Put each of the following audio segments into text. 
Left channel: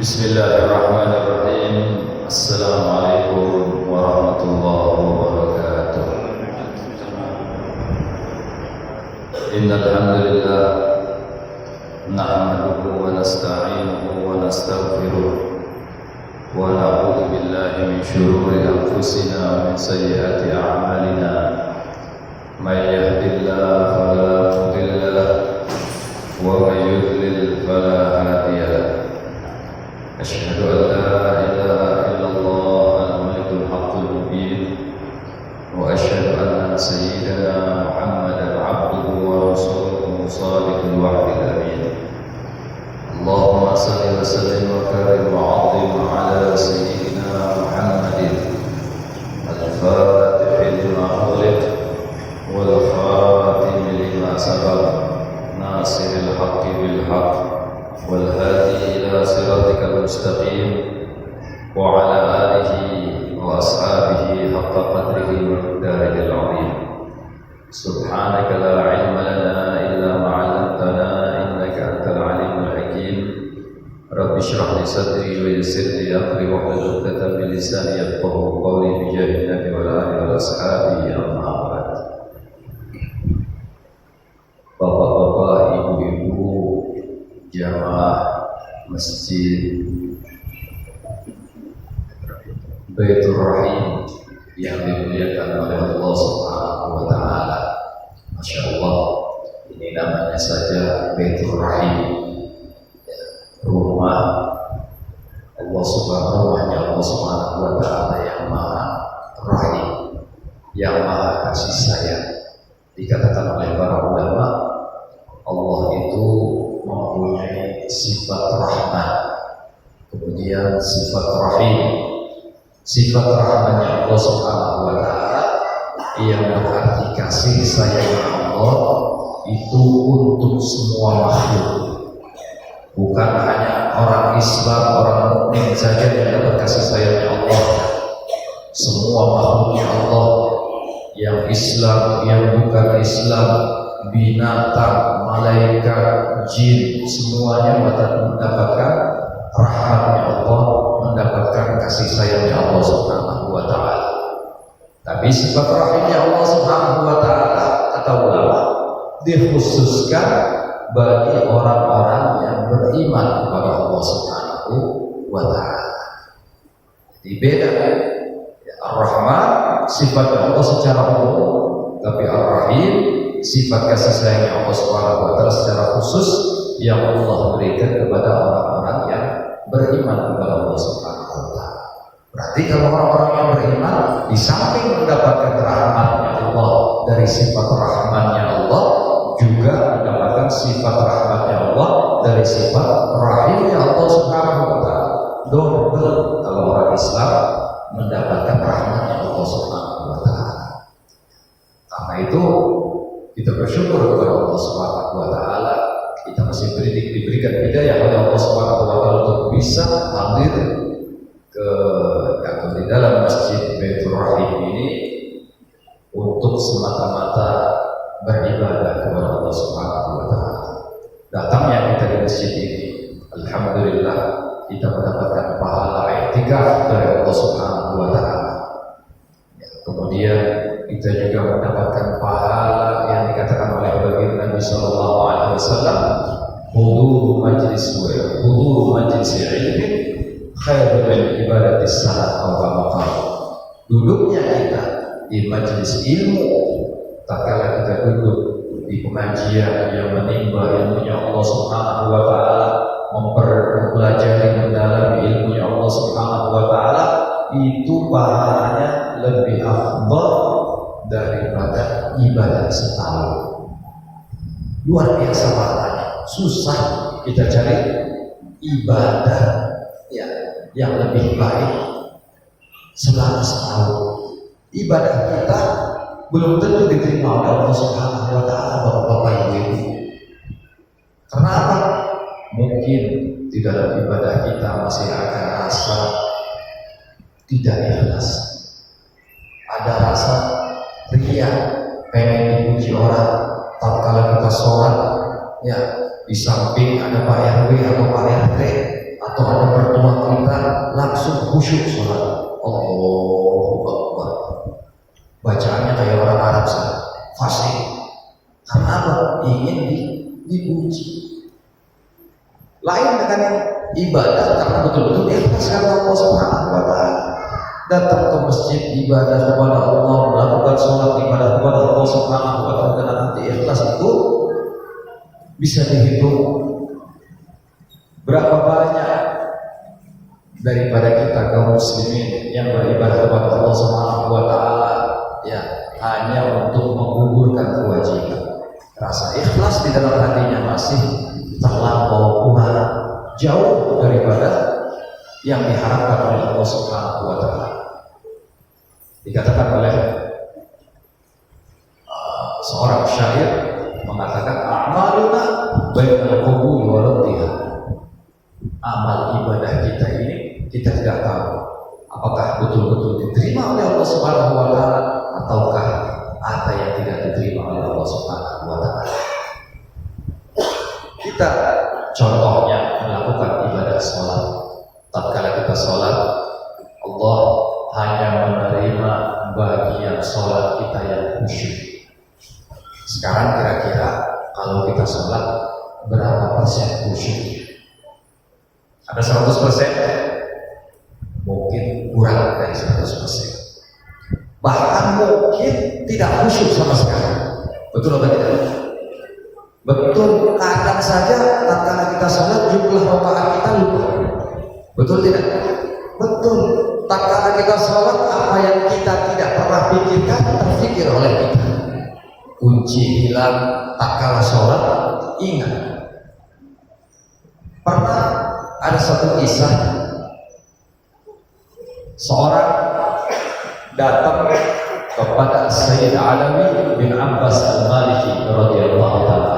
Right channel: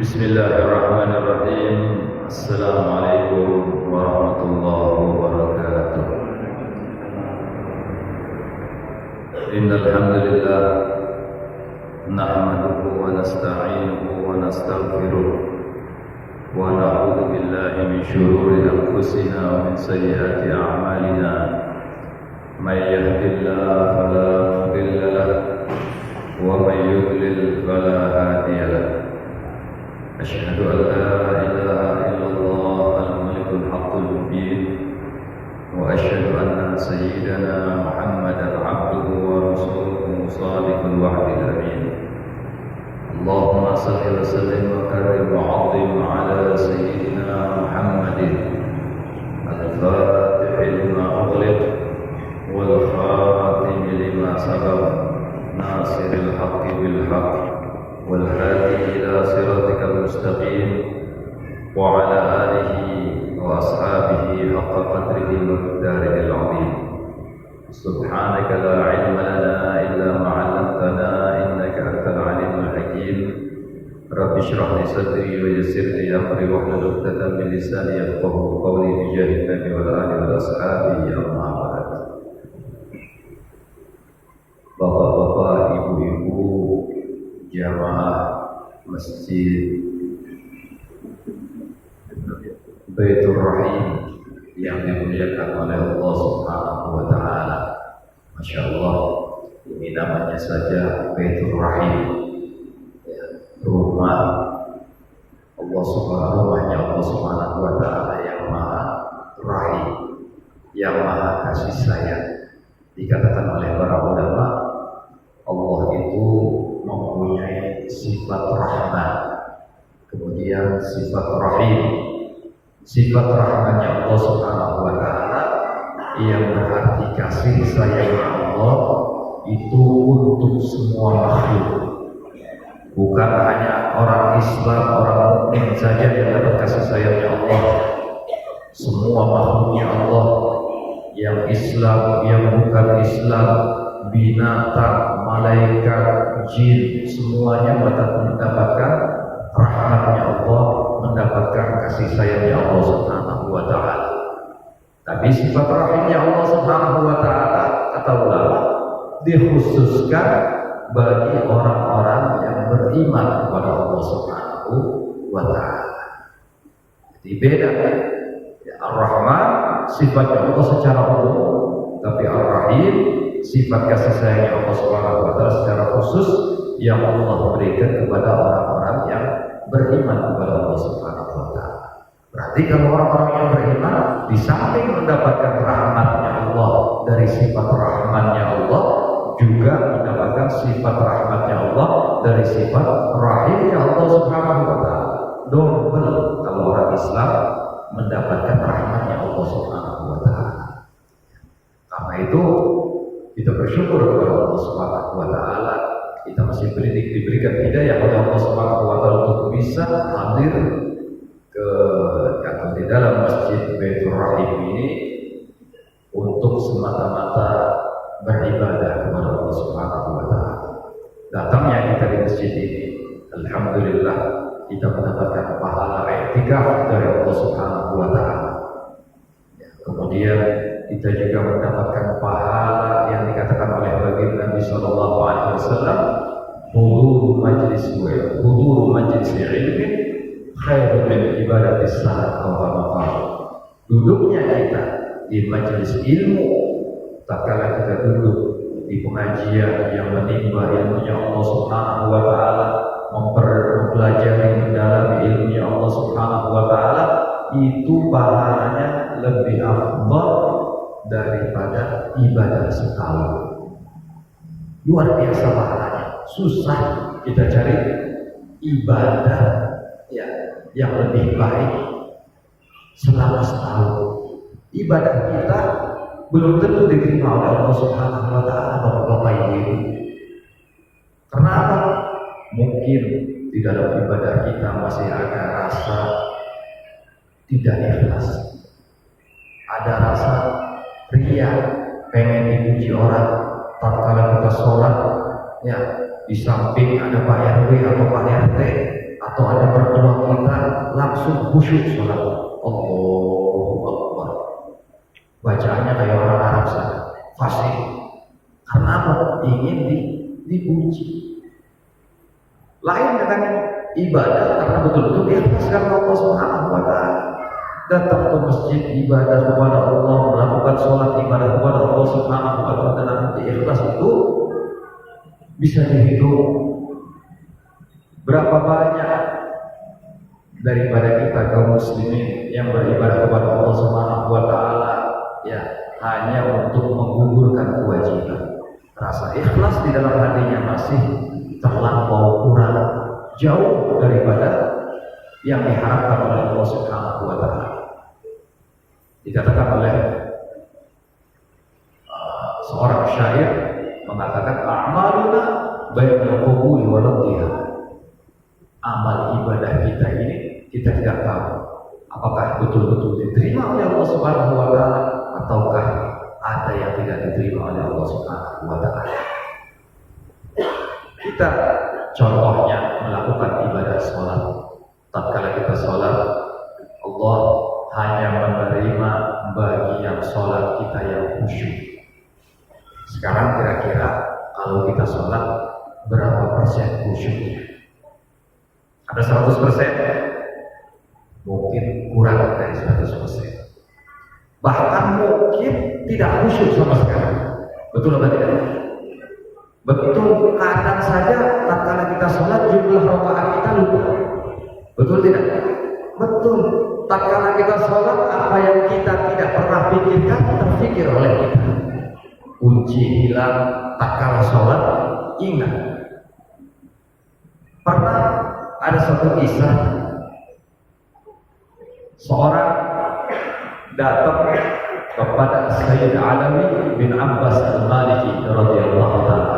Bismillahirrahmanirrahim. Assalamualaikum warahmatullahi wabarakatuh. Innal hamdalillah nahmaduhu wa nasta'inuhu wa nastaghfiruh wa na'udzu billahi min shururi anfusina wa min sayyiati a'malina. May yahdihillahu fala mudilla lahu wa may yudlil fala hadiya lahu. أشهد أن لا إله إلا الله الملك الحق المبين وأشهد أن سيدنا محمدا عبده ورسوله صادق الوعد الأمين. اللهم صل وسلم وكرم وعظم على سيدنا محمد الفاتح لما أغلق والخاتم لما سبق ناصر الحق بالحق والهادي إلى صراطك المستقيم وعلى آله وأصحابه حق قدره ومقداره العظيم. سبحانك لا علم لنا إلا ما علمتنا إنك أنت العليم الحكيم. رب اشرح لي صدري ويسر لي أمري واحلل عقدة من لساني يفقهوا قولي بجاه النبي والآل والأصحاب أما بعد. Bapak-bapak, ibu-ibu, jamaah Masjid Baitur Rahim yang dimuliakan oleh Allah Subhanahu wa taala. Masya Allah, ini namanya saja Baitur Rahim, ya, rumah Allah Subhanahu wa taala yang maha rahim, yang maha kasih sayang. Dikatakan oleh para ulama, Allah itu mempunyai sifat rahman, kemudian sifat rahim. Sifat rahmannya Allah Subhanahu wa taala yang berarti kasih sayangnya Allah itu untuk semua makhluk. Bukan hanya orang Islam, orang mukmin saja yang dapat kasih sayangnya Allah. Semua makhluknya Allah, yang Islam, yang bukan Islam, binatang, malaikat, jin, semuanya mendapatkan rahmatnya Allah, mendapatkan kasih sayangnya Allah Subhanahu wa taala. Tapi sifat rahimnya Allah Subhanahu wa taala, kata ulama, dikhususkan bagi orang-orang yang beriman kepada Allah Subhanahu wa taala. Jadi beda, ya, Ar-Rahman sifatnya Allah secara umum, tapi Ar-Rahim sifat kasih sayangnya Allah Subhanahu wa taala secara khusus yang Allah berikan kepada orang-orang yang beriman kepada Allah Subhanahu wa taala. Berarti kalau orang-orang yang beriman di samping mendapatkan rahmatnya Allah dari sifat rahmannya Allah, juga mendapatkan sifat rahmatnya Allah dari sifat rahimnya Allah Subhanahu wa taala. Double kalau orang Islam mendapatkan rahmatnya Allah Subhanahu wa taala. Karena itu kita bersyukur kepada Allah Subhanahu wa taala, kita masih diberikan hidayah oleh Allah Subhanahu wa taala untuk bisa hadir ke atau di dalam Masjid Baitur Rahim ini untuk semata-mata beribadah kepada Allah Subhanahu wa taala. Datangnya kita di masjid ini, alhamdulillah, kita mendapatkan pahala i'tikaf dari Allah Subhanahu wa taala. Ya, kemudian kita juga mendapatkan pahala yang dikatakan oleh baginda Nabi sallallahu alaihi wasallam, huduru majlis ilmi khairu min ibadati salat aw kama. Duduknya kita di majelis ilmu, tatkala kita duduk di pengajian yang menimba ilmunya Allah Subhanahu wa taala, mempelajari mendalami ilmunya Allah Subhanahu wa taala, itu pahalanya lebih afdal daripada ibadah setahun. Luar biasa pahalanya. Susah kita cari ibadah, ya, yang lebih baik selama setahun. Ibadah kita belum tentu diterima oleh Allah Subhanahu wa taala, Bapak-bapak, Ibu-ibu. Kenapa? Mungkin di dalam ibadah kita masih ada rasa tidak ikhlas, ada rasa ria, pengen dipuji orang. Tatkala kita sholat, ya, di samping ada Pak RW atau Pak RT atau ada mertua langsung khusyuk sholat. Allahu Akbar. Bacaannya kayak orang Arab sana, fasih. Karena apa? Ingin dipuji. Lain dengan yang ibadah karena betul-betul ikhlas karena Allah Subhanahu wa taala. Datang ke masjid ibadah kepada Allah, melakukan sholat ibadah kepada Allah Subhanahu wa taala, dan nanti ikhlas itu bisa dihitung berapa banyak daripada kita kaum muslimin yang beribadah kepada Allah Subhanahu wa taala ya hanya untuk menggugurkan kewajiban. Rasa ikhlas di dalam hatinya masih terlampau kurang, jauh daripada yang diharapkan oleh Allah Subhanahu wa taala. Dikatakan oleh seorang syair mengatakan a'maluna bainal qubuli wa raddiha. Amal ibadah kita ini kita tidak tahu apakah betul-betul diterima oleh Allah Subhanahu wa taala ataukah ada yang tidak diterima oleh Allah Subhanahu wa taala. Kita contohnya melakukan ibadah sholat. Tatkala kita sholat, Allah hanya menerima bagian sholat kita yang khusyuk. Sekarang kira-kira kalau kita sholat berapa persen khusyuk? Ada 100%? Mungkin kurang dari 100%. Bahkan mungkin tidak khusyuk sama sekali. Betul apa tidak? Betul, kadang saja tatkala kita sholat jumlah rakaat kita lupa. Betul tidak? Betul. Tatkala kita sholat apa yang kita tidak pernah pikirkan terfikir oleh kita. Kunci hilang tatkala sholat, ingat. Pernah ada satu kisah, seorang datang kepada Sayyid Alawi bin Abbas Al-Maliki radhiyallahu ta'ala.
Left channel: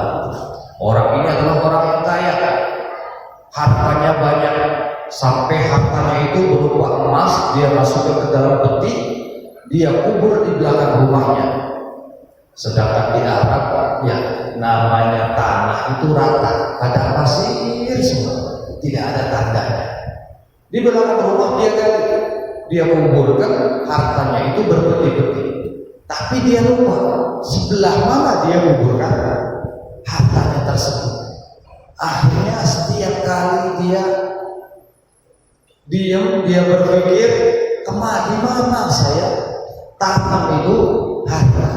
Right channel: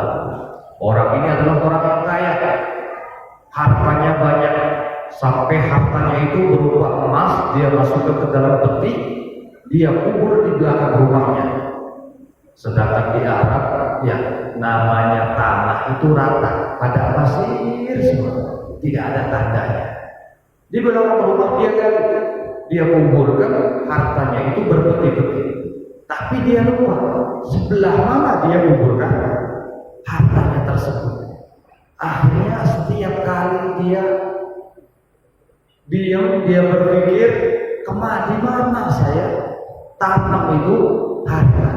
Orang ini adalah orang yang kaya, hartanya banyak, sampai hartanya itu berupa emas. Dia masukkan ke dalam peti, dia kubur di belakang rumahnya. Sedangkan di Arab ya namanya tanah itu rata, pada pasir semua, tidak ada tandanya. Di belakang rumah dia gali, dia kuburkan hartanya itu berpeti-peti. Tapi dia lupa sebelah mana dia kuburkan hartanya tersebut. Akhirnya setiap kali dia diam, dia berpikir di mana saya tanam itu harta.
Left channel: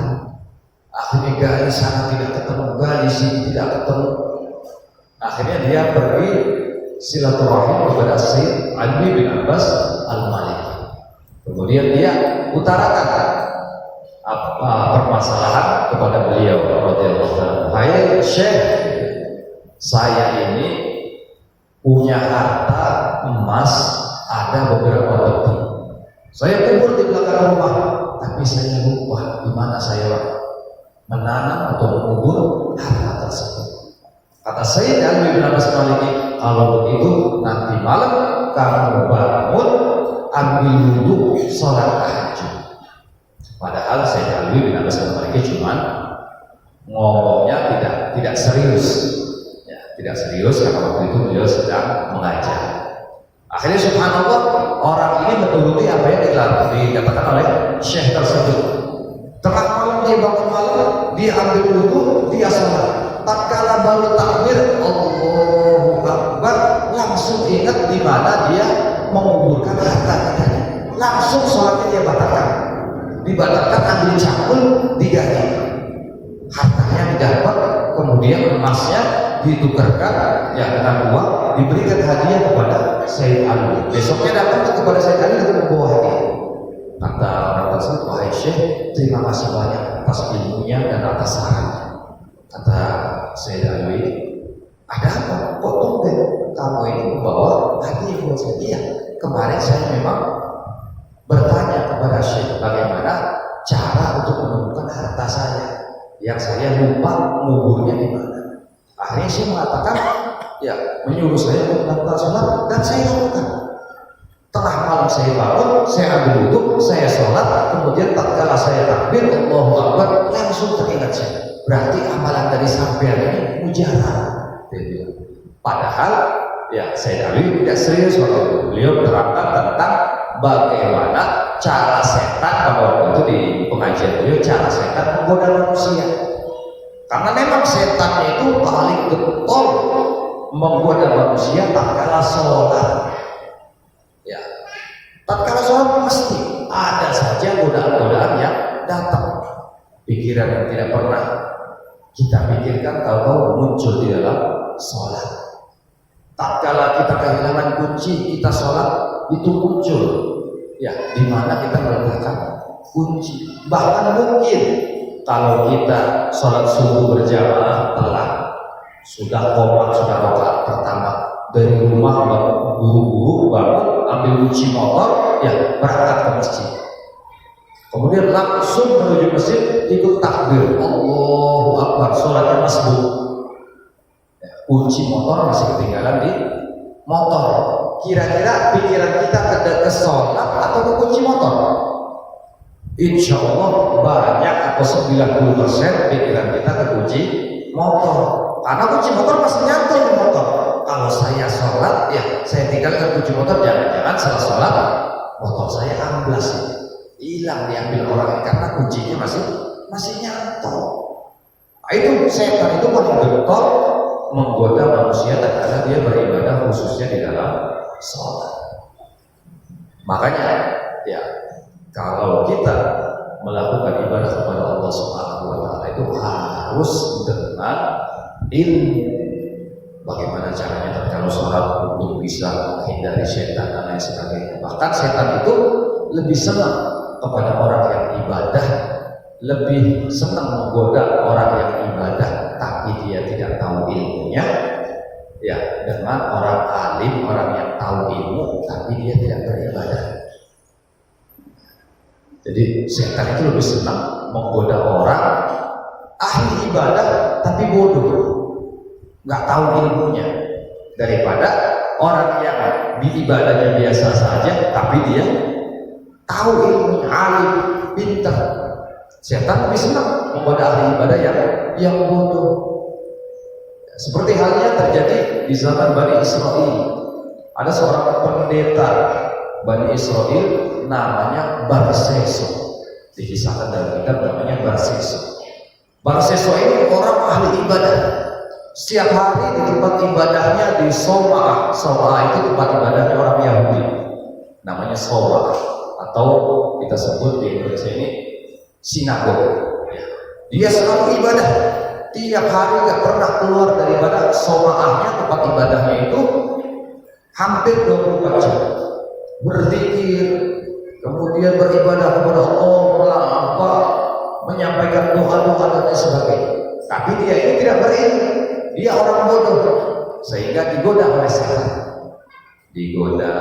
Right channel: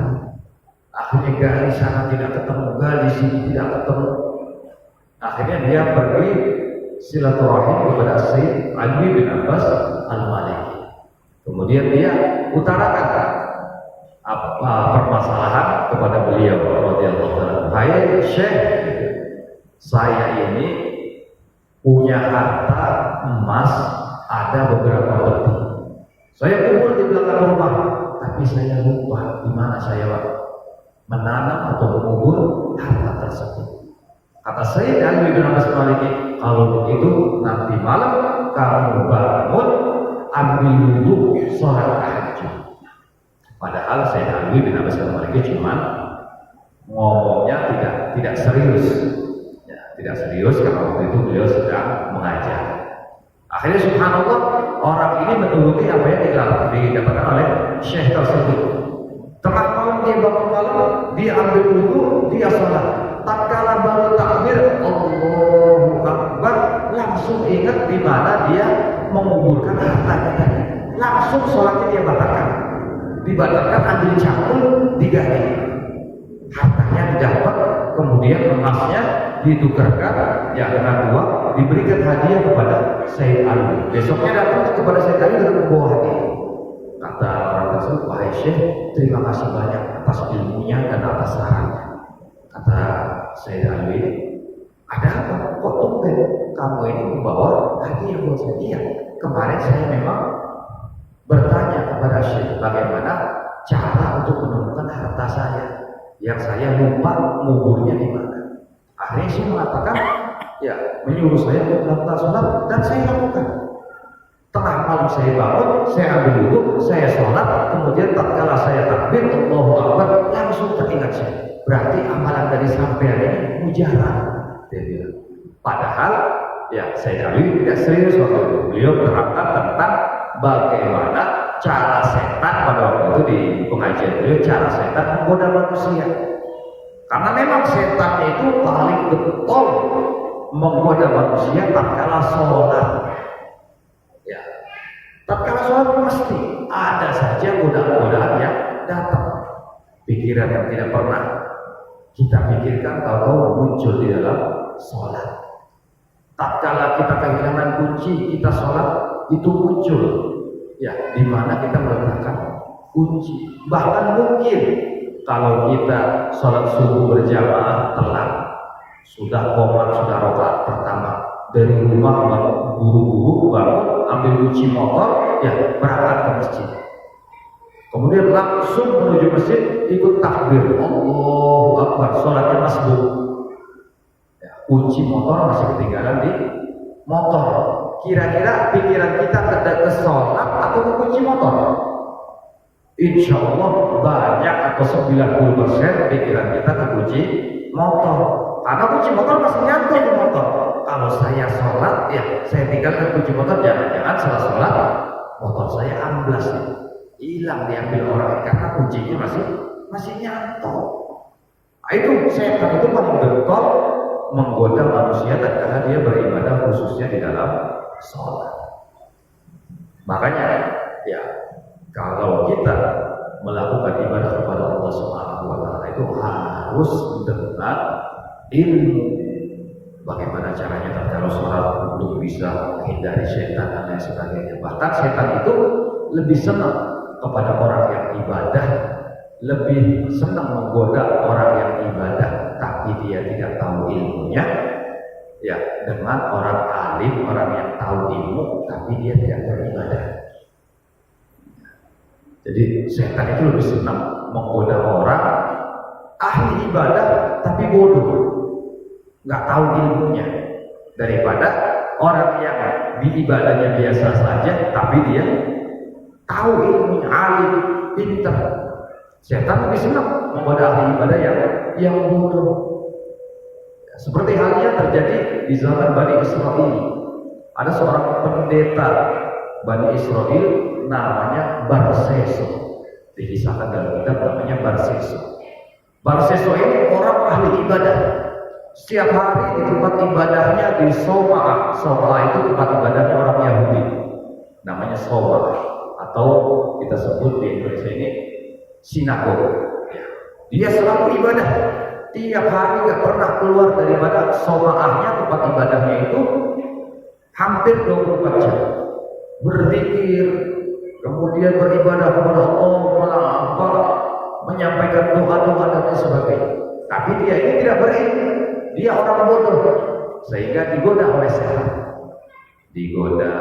Akhirnya gali sana tidak ketemu, gali sini tidak ketemu. Akhirnya dia pergi silaturahim kepada Sayyid Ali bin Abbas Al-Maliki. Kemudian dia utarakan apa permasalahan kepada beliau radhiyallahu anhu. Hai Syekh, saya ini punya harta emas ada beberapa peti. Saya kubur di belakang rumah, tapi saya lupa di mana saya menanam atau mengubur harta tersebut. Kata Sayyid Ali bin Abbas Maliki, kalau begitu nanti malam kamu bangun, ambil wudhu, sholat tahajud. Padahal Sayyid Ali bin Abbas Maliki cuman ngomongnya tidak serius, ya, tidak serius karena waktu itu beliau sedang mengajar. Akhirnya subhanallah orang ini menuruti apa yang dikatakan oleh syekh tersebut. Tengah malam dia bangun malam, dia ambil wudhu, dia sholat. Tatkala baru takbir Allahu Akbar, langsung ingat di mana dia menguburkan harta katanya. Langsung sholatnya dia batalkan. Dibatalkan, ambil cangkul, diganti. Hartanya didapat, kemudian emasnya ditukarkan ya dengan uang, diberikan hadiah kepada Sayyid Ali. Besoknya datang kepada Sayyid Ali dengan membawa hadiah. Kata orang tersebut, wahai Syekh, terima kasih banyak atas ilmunya dan atas sarannya. Kata Sayyid Ali, ada apa? Kok tumben kamu ini membawa hadiah buat saya? Iya, kemarin saya memang bertanya kepada Syekh bagaimana cara untuk menemukan harta saya yang saya lupa menguburnya di mana. Akhirnya Syekh mengatakan, ya menyuruh saya untuk melakukan sholat dan saya lakukan. Tengah malam saya bangun, saya ambil wudhu, saya sholat, kemudian tatkala saya takbir Allahu Akbar, langsung teringat saya. Berarti amalan dari sampean ini mujarab, dia bilang. Padahal ya Said Ali tidak serius waktu itu. Beliau menerangkan tentang bagaimana cara setan pada waktu itu di pengajian beliau, cara setan menggoda manusia. Karena memang setan itu paling getol menggoda manusia tatkala sholat. Ya, tatkala sholat mesti ada saja godaan-godaan yang datang. Pikiran yang tidak pernah kita pikirkan tahu-tahu muncul di dalam sholat. Tatkala kita kehilangan kunci, kita sholat itu muncul. Ya, di mana kita meletakkan kunci. Bahkan mungkin kalau kita sholat subuh berjamaah telat, sudah qomat, sudah rakaat pertama dari rumah, buru-buru bangun, ambil kunci motor, ya berangkat ke masjid. Kemudian langsung menuju masjid, ikut takbir, Allahu Akbar, sholatnya masbuk. Ya, kunci motor masih ketinggalan di motor. Kira-kira pikiran kita ke sholat atau ke kunci motor? Insya Allah banyak atau 90% pikiran kita ke kunci motor. Karena kunci motor masih nyantol di motor. Kalau saya sholat, ya saya tinggalkan kunci motor, jangan-jangan salah sholat, motor saya amblas, hilang diambil orang, karena kuncinya masih nyantol. Nah, itu setan itu paling getol menggoda manusia tatkala dia beribadah, khususnya di dalam sholat. Makanya ya kalau kita melakukan ibadah kepada Allah Subhanahu wa taala itu harus dengan ilmu. Bagaimana caranya tatkala sholat untuk bisa menghindari setan dan lain sebagainya. Bahkan setan itu lebih senang kepada orang yang ibadah, lebih senang menggoda orang yang ibadah tapi dia tidak tahu ilmunya, ya, dengan orang alim, orang yang tahu ilmu tapi dia tidak beribadah. Jadi setan itu lebih senang menggoda orang ahli ibadah tapi bodoh, nggak tahu ilmunya, daripada orang yang di ibadahnya biasa saja tapi dia tahu ilmunya, alim, pintar. Setan lebih senang menggoda ahli ibadah yang bodoh. Seperti halnya terjadi di zaman Bani Israel. Ada seorang pendeta Bani Israel namanya Barseso. Dikisahkan dalam kitab namanya Barseso. Barseso ini orang ahli ibadah. Setiap hari di tempat ibadahnya di Sawa'ah. Sawa'ah itu tempat ibadahnya orang Yahudi. Namanya Sawa'ah, atau kita sebut di Indonesia ini sinagog. Ya. Dia selalu ibadah. Tiap hari gak pernah keluar daripada Sawa'ahnya, tempat ibadahnya itu hampir 24 jam. Berzikir, kemudian beribadah kepada Allah, menyampaikan doa-doa dan lain sebagainya. Tapi dia ini tidak berilmu. Dia orang bodoh, sehingga digoda oleh setan, digoda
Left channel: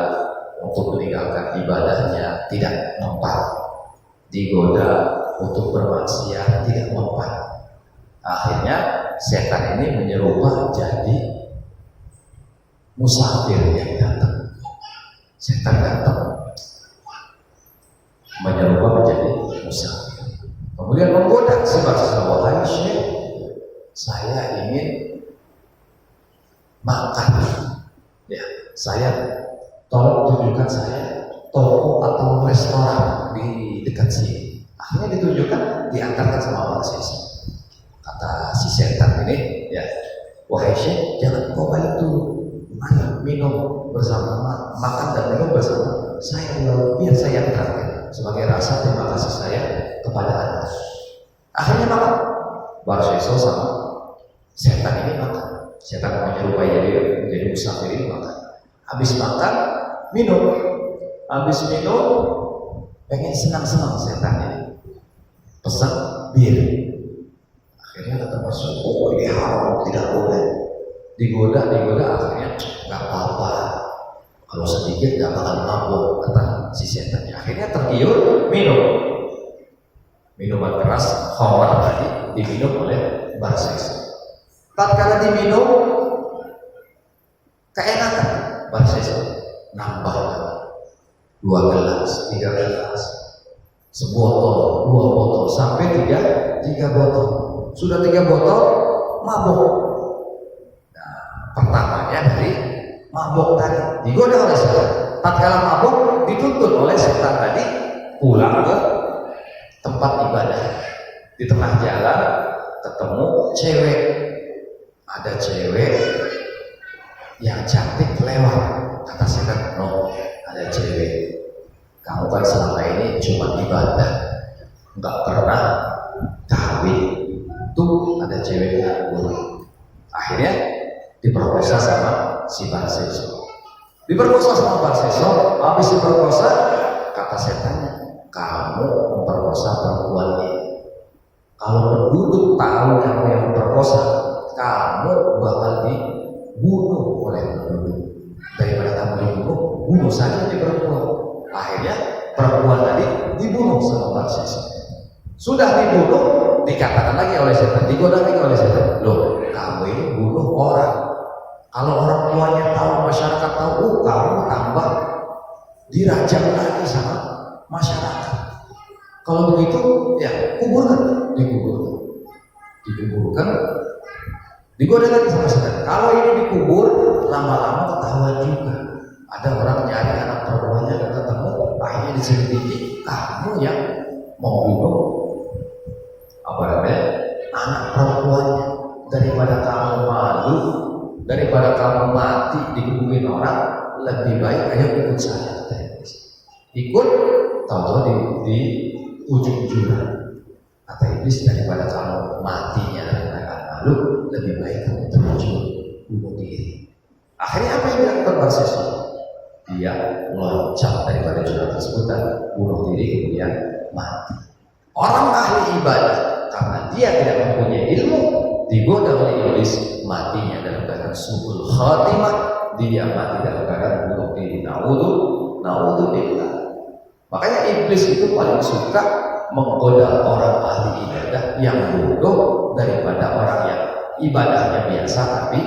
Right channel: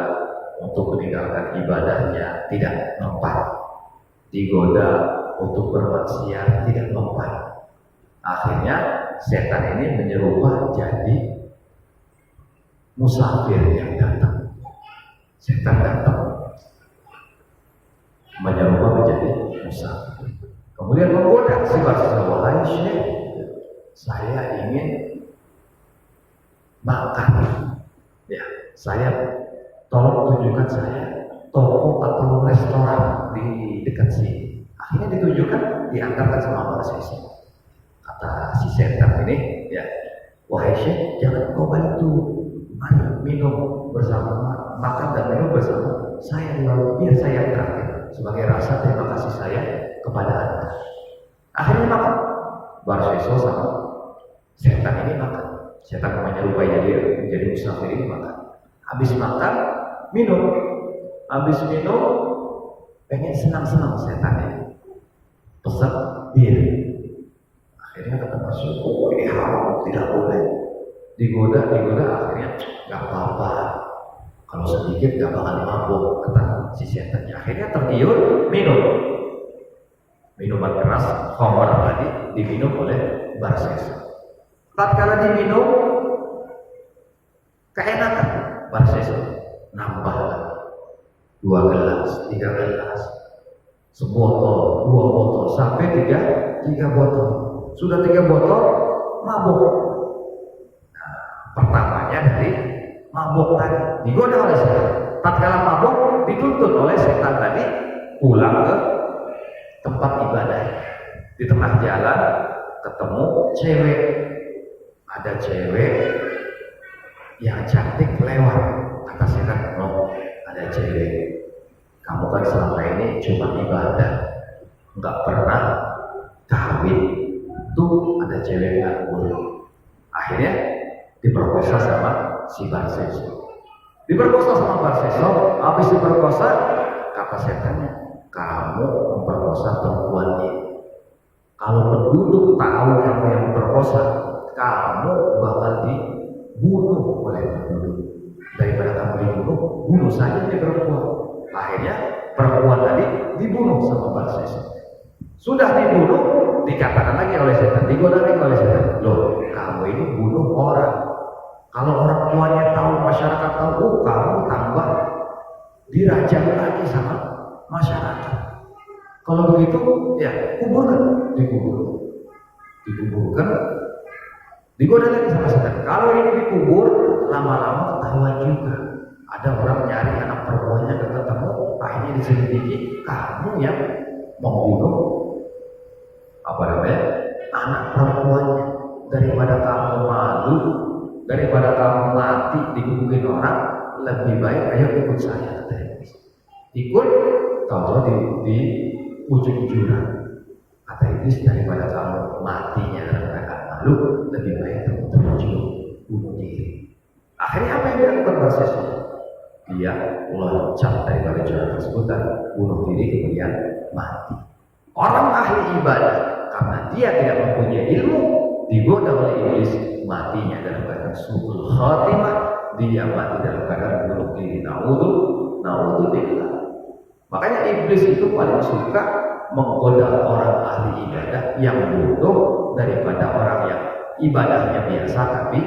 untuk meninggalkan ibadahnya tidak mempan, digoda untuk bermaksiat tidak mempan. Akhirnya setan ini menyerupa jadi musafir yang datang. Setan datang menyerupa menjadi musafir, kemudian menggoda si mahasiswa, wahai Syekh, saya ingin makan, ya, saya tolong tunjukkan saya toko atau restoran di dekat sini. Akhirnya ditunjukkan, diantarkan sama mahasiswa. Kata si setan ini, ya, wahai Syekh, jangan kau bantu, mari minum bersama, makan dan minum bersama saya dulu, biar saya yang terakhir sebagai rasa terima kasih saya kepada Anda. Akhirnya makan, Barseso sama setan ini makan. Setan menyerupai jadi musafir ini makan. Habis makan, minum. Habis minum, pengen senang-senang setan ini. Pesan bir. Akhirnya kata Masuk, oh ini haram, tidak boleh. Digoda, akhirnya nggak apa-apa. Kalau sedikit nggak bakal mabuk, kata si setannya. Akhirnya tergiur, minum. Minuman keras, khamar tadi diminum oleh Barseso. Tatkala diminum, keenakan, Barseso nambah lagi 2 gelas, 3 gelas, sebotol, 2 botol, sampai 3 botol. Sudah 3 botol, mabuk. Nah, pertamanya dari mabuk tadi, digoda oleh setan. Tatkala mabuk, dituntut oleh setan tadi pulang ke tempat ibadah. Di tengah jalan ketemu cewek, ada cewek yang cantik lewat. Kata setan, no, ada cewek. Kamu kan selama ini cuma ibadah, nggak pernah kawin. Tuh ada cewek nganggur. Akhirnya diperkosa sama si Barseso. Diperkosa sama Barseso. Habis diperkosa, kata setannya, kamu memperkosa perempuan ini. Kalau penduduk tahu kamu yang memperkosa, kamu bakal dibunuh oleh penduduk. Daripada kamu dibunuh, bunuh saja di perempuan. Akhirnya perempuan tadi dibunuh sama Barseso. Sudah dibunuh, dikatakan lagi oleh setan, digoda lagi oleh setan. Loh, kamu ini bunuh orang. Kalau orang tuanya tahu, masyarakat tahu, kamu tambah dirajam lagi sama masyarakat. Kalau begitu, ya kuburkan, dikuburkan, digoda lagi sama setan. Kalau ini dikubur, lama-lama ketahuan juga. Ada orang nyari anak perempuannya dan ketemu, akhirnya diselidiki, kamu yang membunuh anak perempuannya. Daripada kamu malu, daripada kamu mati dikuburin orang, lebih baik ayo ikut saya, kata iblis. Ikut, tahu-tahu di ujung jurang. Kata iblis, daripada kamu matinya dalam keadaan malu, lebih baik kamu terjun bunuh diri. Akhirnya apa yang dilakukan Barseso? Dia loncat daripada jurang tersebut dan bunuh diri, kemudian mati. Orang ahli ibadah, karena dia tidak mempunyai ilmu, digoda oleh iblis, matinya dalam keadaan su'ul khatimah. Dia mati dalam keadaan bunuh diri. Naudzubillah. Makanya iblis itu paling suka menggoda orang ahli ibadah yang bodoh daripada orang yang ibadahnya biasa tapi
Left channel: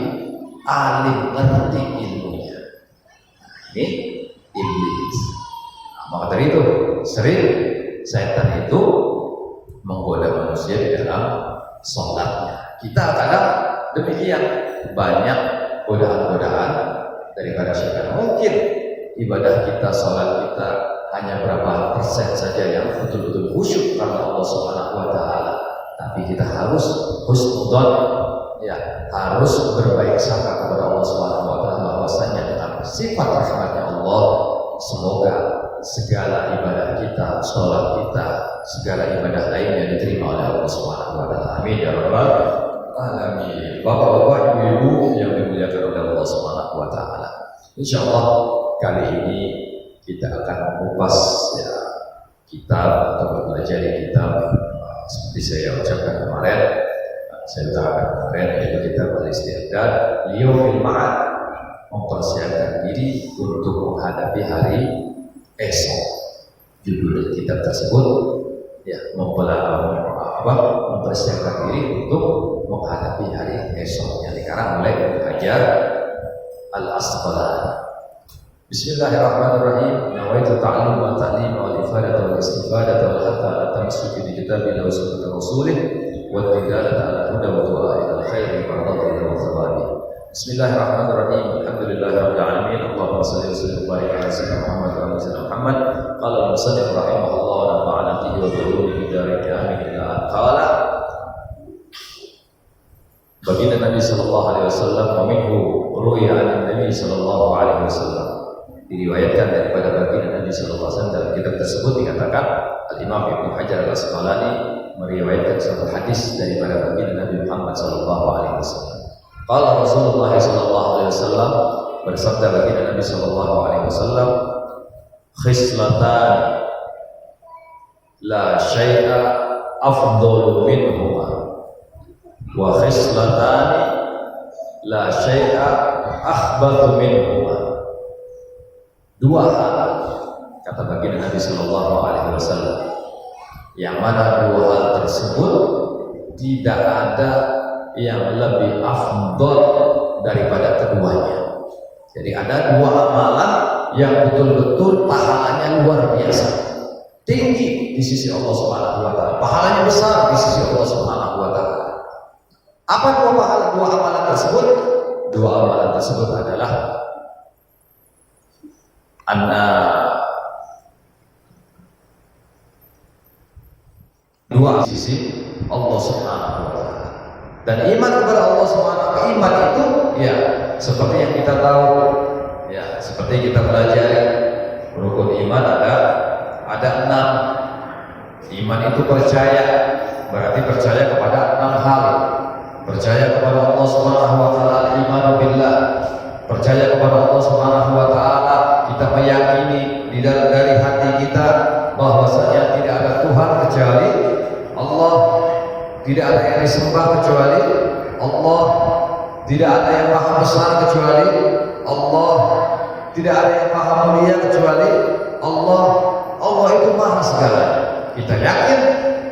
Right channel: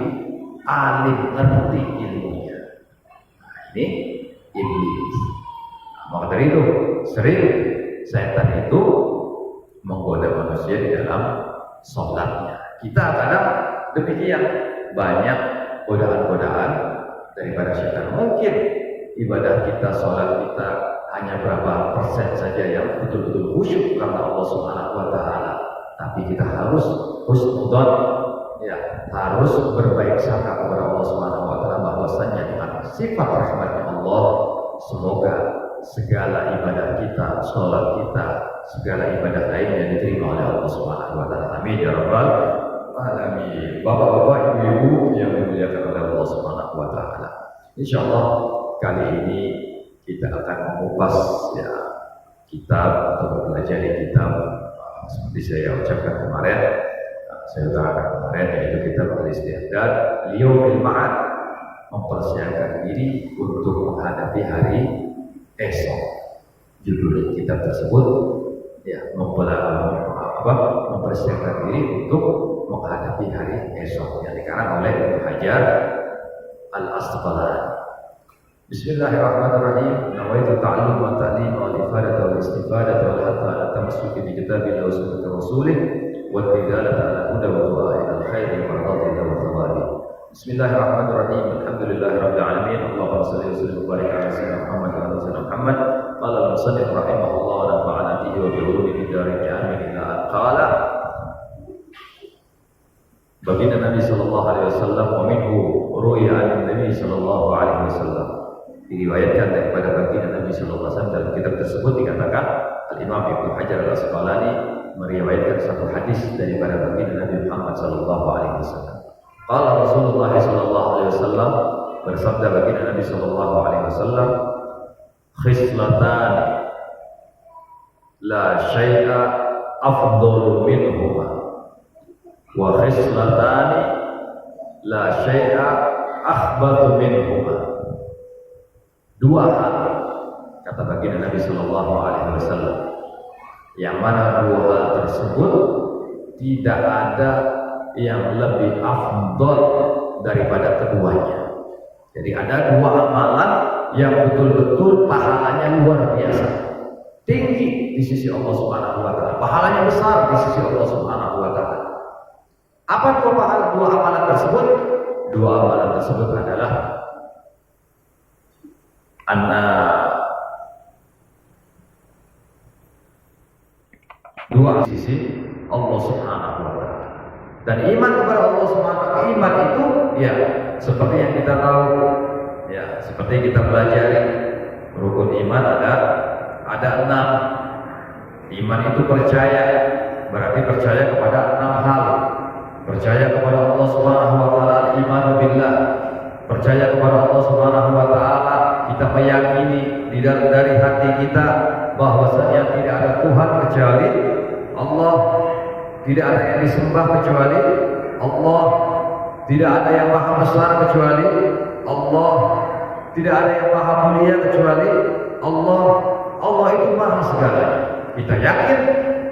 alim, ngerti ilmunya. Nah, ini iblis. Nah, maka dari itu sering setan itu menggoda manusia di dalam sholatnya. Kita kadang demikian, banyak godaan-godaan daripada syaitan. Mungkin ibadah kita, sholat kita hanya berapa persen saja yang betul-betul khusyuk karena Allah Subhanahu wa Ta'ala. Tapi kita harus husnudzon, ya, harus berbaik sangka kepada Allah Subhanahu wa Ta'ala, bahwasanya dengan sifat rahmatnya Allah, semoga segala ibadah kita, sholat kita, segala ibadah lainnya diterima oleh Allah Subhanahu wa Ta'ala. Amin ya rabbal alamin. Bapak-bapak, ibu-ibu yang dimuliakan oleh Allah Subhanahu wa Ta'ala, insyaallah kali ini kita akan mengupas ya kitab atau mempelajari kitab seperti saya ucapkan kemarin, saya utarakan kemarin, yaitu kitab Al-Isti'dad Liyaumil Ma'ad, mempersiapkan diri untuk menghadapi hari esok. Judul kitab tersebut ya mempersiapkan diri untuk menghadapi hari esok, yang dikarang oleh Ibnu Hajar Al-Asqalani. Bismillahirrahmanirrahim. Nawaitu ta'allum wa ta'lim wa al-ifadata wa al-istifadata wal hatta ala tamassuki bi kitabillah wa sunnati rasulih wa tidalata ala huda wa du'a ila al-khair wa radha wa thawabi. Bismillahirrahmanirrahim. Alhamdulillahirabbil alamin. Allahumma shalli wa sallim wa barik ala sayyidina Muhammad wa ala sayyidina Muhammad. Qala al-musannif rahimahullah wa nafa'ana bihi wa bi ulumihi darin amin ila an qala. Baginda Nabi sallallahu alaihi wasallam, wa minhu ruya an Nabi sallallahu alaihi wasallam, diriwayatkan daripada baginda Nabi sallallahu alaihi wasallam. Dalam kitab tersebut dikatakan Al-Imam Ibnu Hajar Al-Asqalani meriwayatkan satu hadis daripada baginda Nabi Muhammad sallallahu alaihi wasallam. Qala Rasulullah sallallahu alaihi wasallam, bersabda baginda Nabi sallallahu alaihi wasallam, khislatan la syai'a afdalu minhuma wa khislatani la syai'a akhbathu minhuma. Dua hal, kata baginda Nabi sallallahu alaihi wasallam, yang mana dua hal tersebut tidak ada yang lebih afdal daripada keduanya. Jadi ada dua amalan yang betul-betul pahalanya luar biasa, tinggi di sisi Allah Subhanahu wa Ta'ala, pahalanya besar di sisi Allah Subhanahu wa Ta'ala. Apa dua amalan tersebut? Dua amalan tersebut adalah anna dua sisi Allah Subhanahu wa taala. Dan iman kepada Allah Subhanahu wa taala, iman itu ya seperti yang kita tahu, ya seperti kita pelajari rukun iman ada 6. Iman itu percaya, berarti percaya kepada 6 hal. Percaya kepada Allah Subhanahu wa taala, al-imanu billah. Percaya kepada Allah Subhanahu wa taala, kita meyakini di dalam dari hati kita bahwasanya tidak ada Tuhan kecuali Allah, tidak ada yang disembah kecuali Allah, tidak ada yang maha besar kecuali Allah, tidak ada yang maha mulia kecuali Allah. Allah itu maha segalanya. Kita yakin,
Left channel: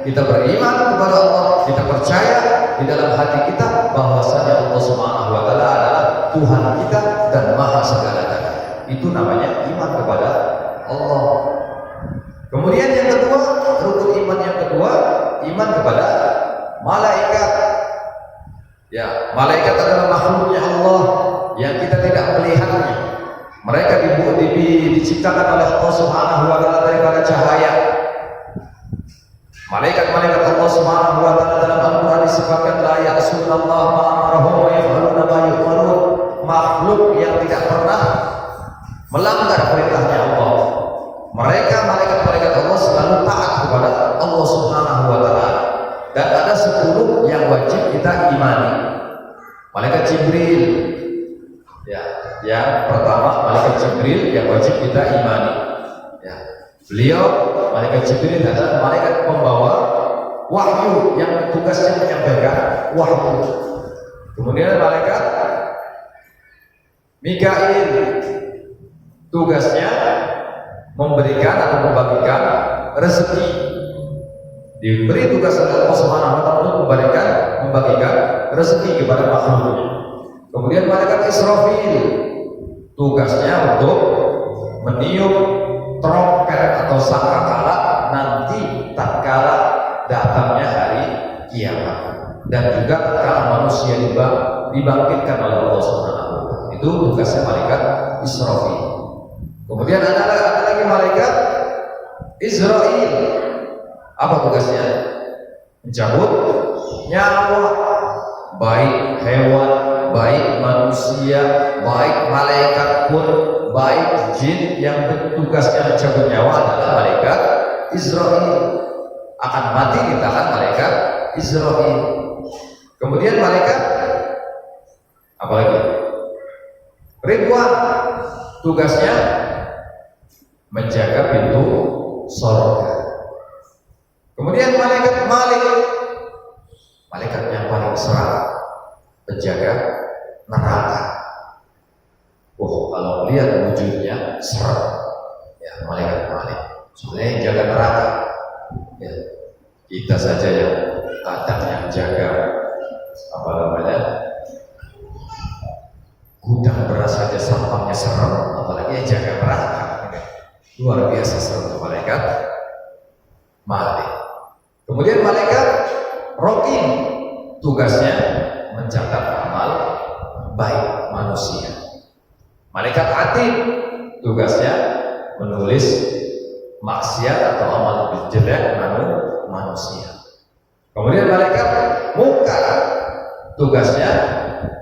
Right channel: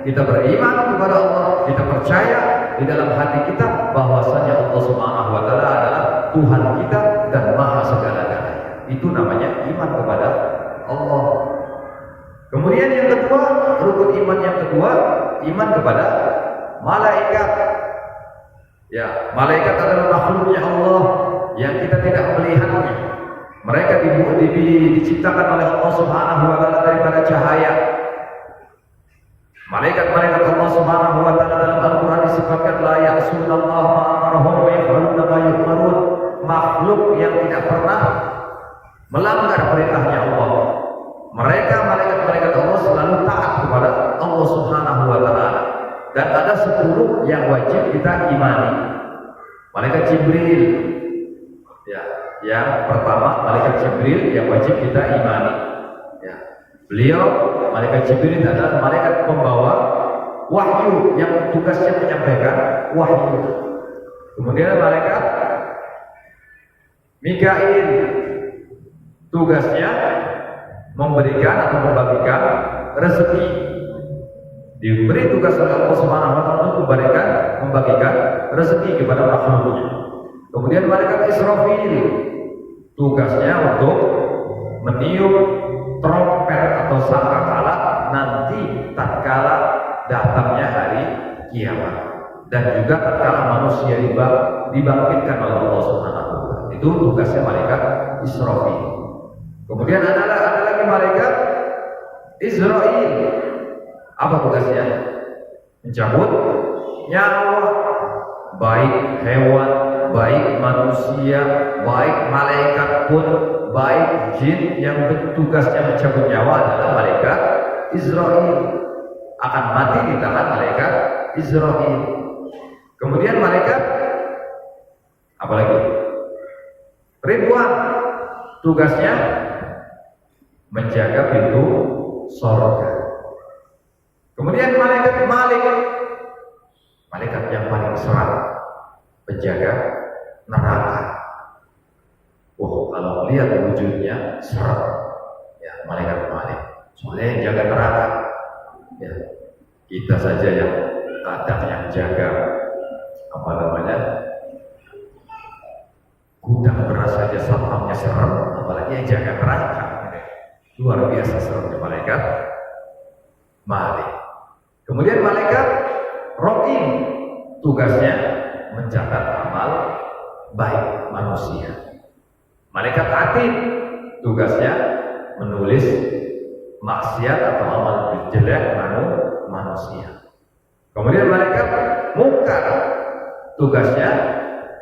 kita beriman kepada Allah, kita percaya di dalam hati kita bahwasanya Allah Subhanahu wa taala adalah Tuhan kita dan maha segala-galanya. Itu namanya iman kepada Allah. Kemudian yang kedua, rukun iman yang kedua, iman kepada malaikat. Ya, malaikat adalah makhluknya Allah yang kita tidak melihatnya. Mereka diciptakan oleh Allah Subhanahu wa taala daripada cahaya. Malaikat-malaikat Allah Subhanahu wa taala dalam Al-Qur'an disifatkan la ya'sunallaha ma amarahum wa yaf'aluna ma yu'marun. Makhluk yang tidak pernah melanggar perintahnya Allah. Mereka malaikat-malaikat Allah selalu taat kepada Allah Subhanahu wa taala. Dan ada 10 yang wajib kita imani. Malaikat Jibril. Ya, yang pertama malaikat Jibril yang wajib kita imani. Ya. Beliau malaikat Jibril adalah malaikat pembawa wahyu yang tugasnya menyampaikan wahyu. Kemudian malaikat Mikail tugasnya memberikan atau membagikan rezeki. Diberi tugas oleh Allah Subhanahu wa taala untuk membagikan rezeki kepada makhluknya. Kemudian malaikat Israfil tugasnya untuk meniup trompet atau sangkakala nanti tatkala datangnya hari kiamat, dan juga tatkala manusia dibangkitkan oleh Allah Subhanahu wa taala. Itu tugasnya malaikat Israfil. Kemudian ada lagi malaikat Israil. Apa tugasnya? Mencabut nyawa, baik hewan, baik manusia, baik malaikat pun, baik jin. Yang tugasnya mencabut nyawa adalah malaikat Israil. Akan mati di tangan malaikat Israil. Kemudian malaikat apa lagi? Ridwan. Tugasnya menjaga pintu surga. Kemudian malaikat Malik, malaikat yang paling seram, penjaga neraka. Oh, kalau melihat wujudnya serem, ya malaikat Malik. Soalnya yang jaga neraka, ya kita saja yang kadang yang jaga apa namanya gudang beras saja satpamnya serem, apalagi yang jaga neraka. Luar biasa seremnya malaikat Malik. Kemudian malaikat Rokin, tugasnya mencatat amal baik manusia. Malaikat Atid, tugasnya menulis maksiat atau amal jelek manusia. Kemudian malaikat Munkar, tugasnya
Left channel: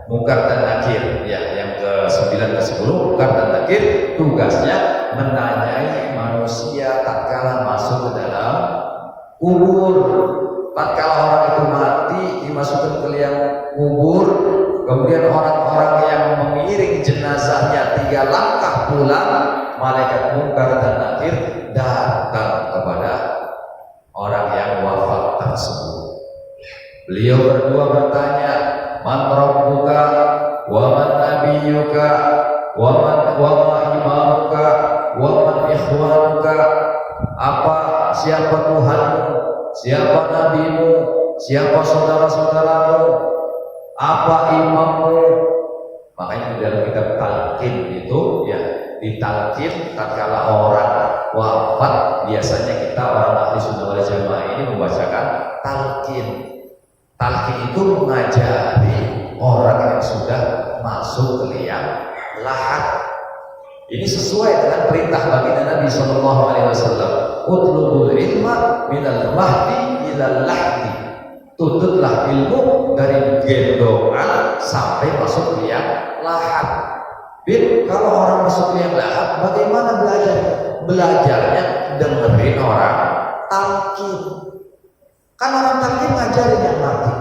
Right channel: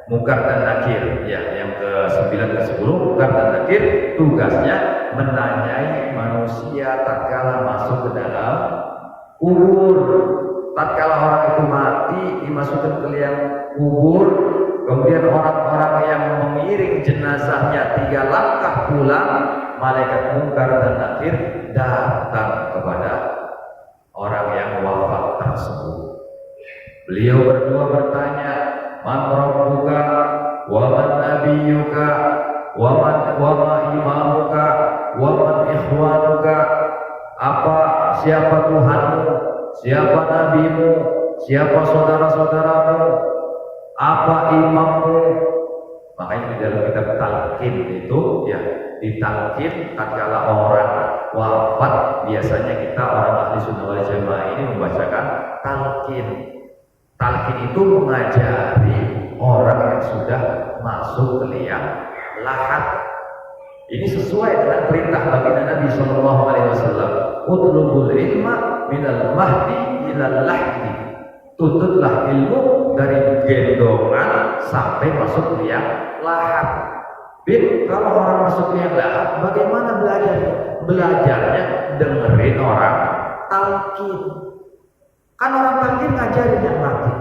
Munkar dan Nakir. Ya, yang ke-9 ke-10 Munkar dan Nakir, tugasnya menanyai manusia tatkala masuk ke dalam kubur. Tatkala orang itu mati dimasukkan ke liang kubur, kemudian orang-orang yang mengiring jenazahnya 3 langkah pulang, malaikat Munkar dan Nakir datang kepada orang yang wafat tersebut. Beliau berdua bertanya, man rabbuka wa man nabiyyuka wa ma imamuka wa man ikhwanuka. Siapa Tuhanmu, siapa nabimu, siapa saudara-saudaramu, apa imammu. Makanya di dalam kitab talqin itu ya ditalqin tatkala orang wafat, biasanya kita orang ahli sunnah wal jamaah ini membacakan talqin. Talqin itu mengajari orang yang sudah masuk ke liang lahat. Ini sesuai dengan perintah baginda Nabi Shallallahu Alaihi Wasallam. Utlubul ilma minal mahdi ilal lahdi. Tuntutlah ilmu dari gendongan sampai masuk liang lahat. Bin, kalau orang masuk liang lahat, bagaimana belajarnya? Belajarnya dengerin orang talqin. Kan orang talqin ngajarin yang mati,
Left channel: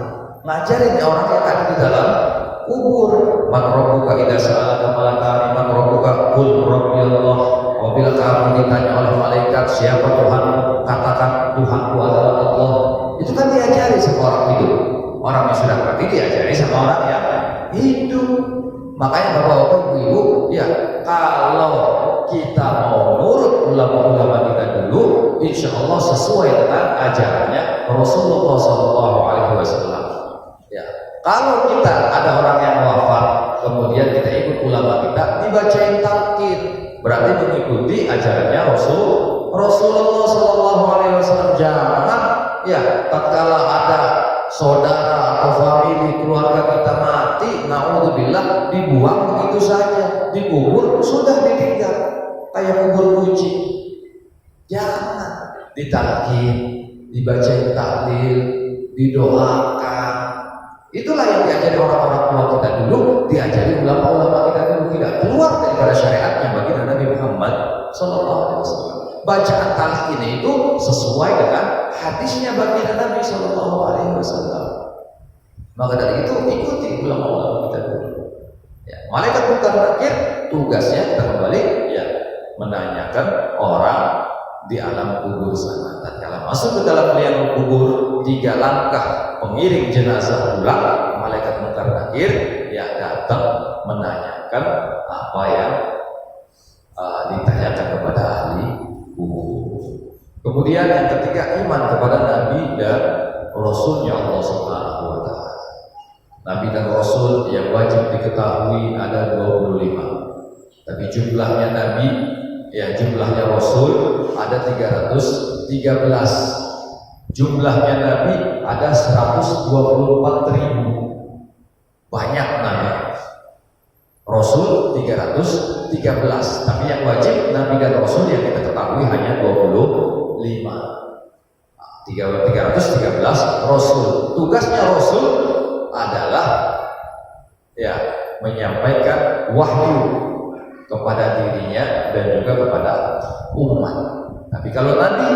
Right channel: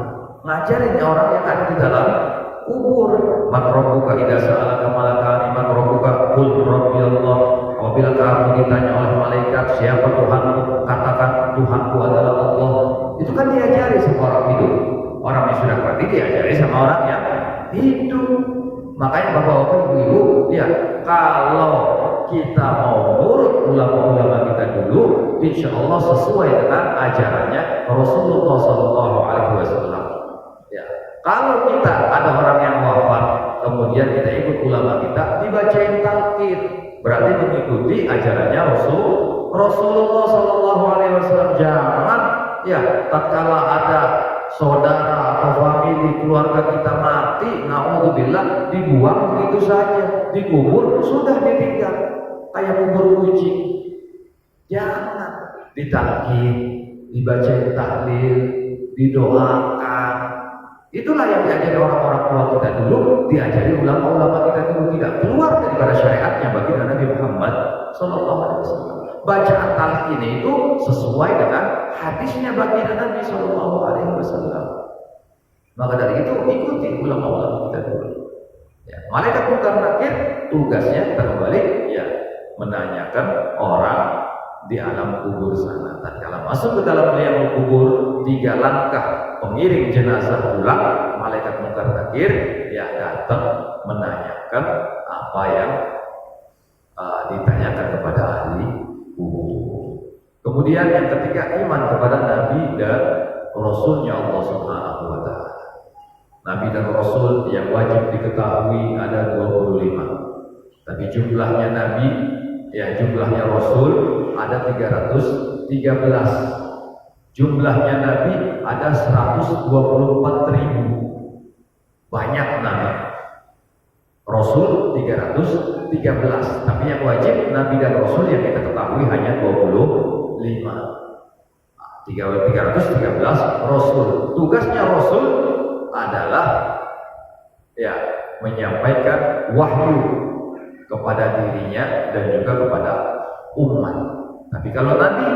ngajarin orang yang ada di dalam kubur. Man rabbuka idza sa'alaka malakani man rabbuka qul rabbi Allah. Apabila kamu ditanya oleh malaikat siapa Tuhanmu, katakan Tuhanku adalah Allah. Itu kan diajari sama orang hidup. Orang yang sudah mati diajari sama orang yang hidup. Makanya bapak-bapak, ibu-ibu, ya kalau kita mau nurut ulama-ulama kita dulu, insya Allah sesuai dengan ajarannya Rasulullah SAW. Ya, kalau kita ada orang yang wafat, kemudian kita ikut ulama kita, dibacain talqin, berarti mengikuti ajarannya Rasulullah SAW. Jangan ya tatkala ada saudara atau famili keluarga kita mati, naudzubillah, dibuang begitu saja, dikubur sudah ditinggal kayak kubur kucing. Jangan, ditalqin, dibacain tahlil, didoakan. Itulah yang diajari orang-orang tua kita dulu, diajari ulama-ulama kita dulu, tidak keluar daripada syariatnya baginda Nabi Muhammad SAW. Bacaan talqin itu sesuai dengan hadisnya baginda Nabi SAW. Maka dari itu ikuti ulama-ulama kita dulu. Ya, malaikat munkar nakir tugasnya kita kembali ya menanyakan orang di alam kubur sana. Tatkala masuk ke dalam liang kubur, 3 langkah pengiring jenazah pulang, malaikat munkar nakir ya datang menanyakan apa yang ditanyakan kepada ahli kubur. Kemudian yang ketiga, iman kepada Nabi dan Rasulnya Allah Subhanahu wa Ta'ala. Nabi dan Rasul yang wajib diketahui ada 25, tapi jumlahnya Nabi ya jumlahnya Rasul ada 313. Jumlahnya Nabi ada 124.000. Banyak Nabi. Rasul 313, tapi yang wajib Nabi dan Rasul yang kita ketahui hanya 25. 313 Rasul. Tugasnya Rasul adalah ya menyampaikan wahyu kepada dirinya dan juga kepada umat. Tapi kalau Nabi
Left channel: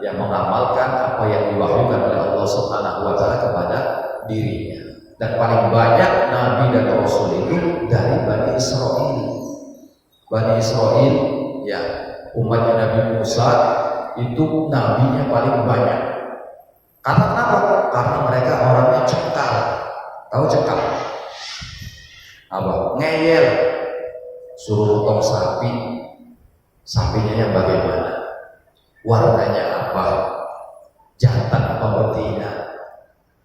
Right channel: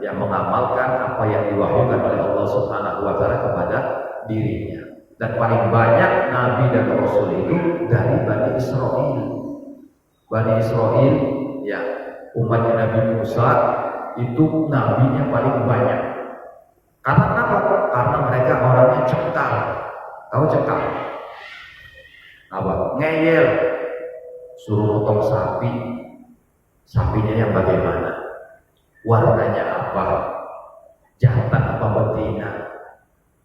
yang mengamalkan apa yang diwahyukan oleh Allah Subhanahu wa Ta'ala kepada dirinya. Dan paling banyak Nabi dan Rasul itu dari Bani Israel. Bani Israel ya umatnya Nabi Musa itu nabinya paling banyak. Karena kenapa? Karena mereka orangnya cekal. Tahu cekal? Apa? Ngeyel. Suruh potong sapi, sapinya yang bagaimana? Warnanya apa? Jantan apa betina?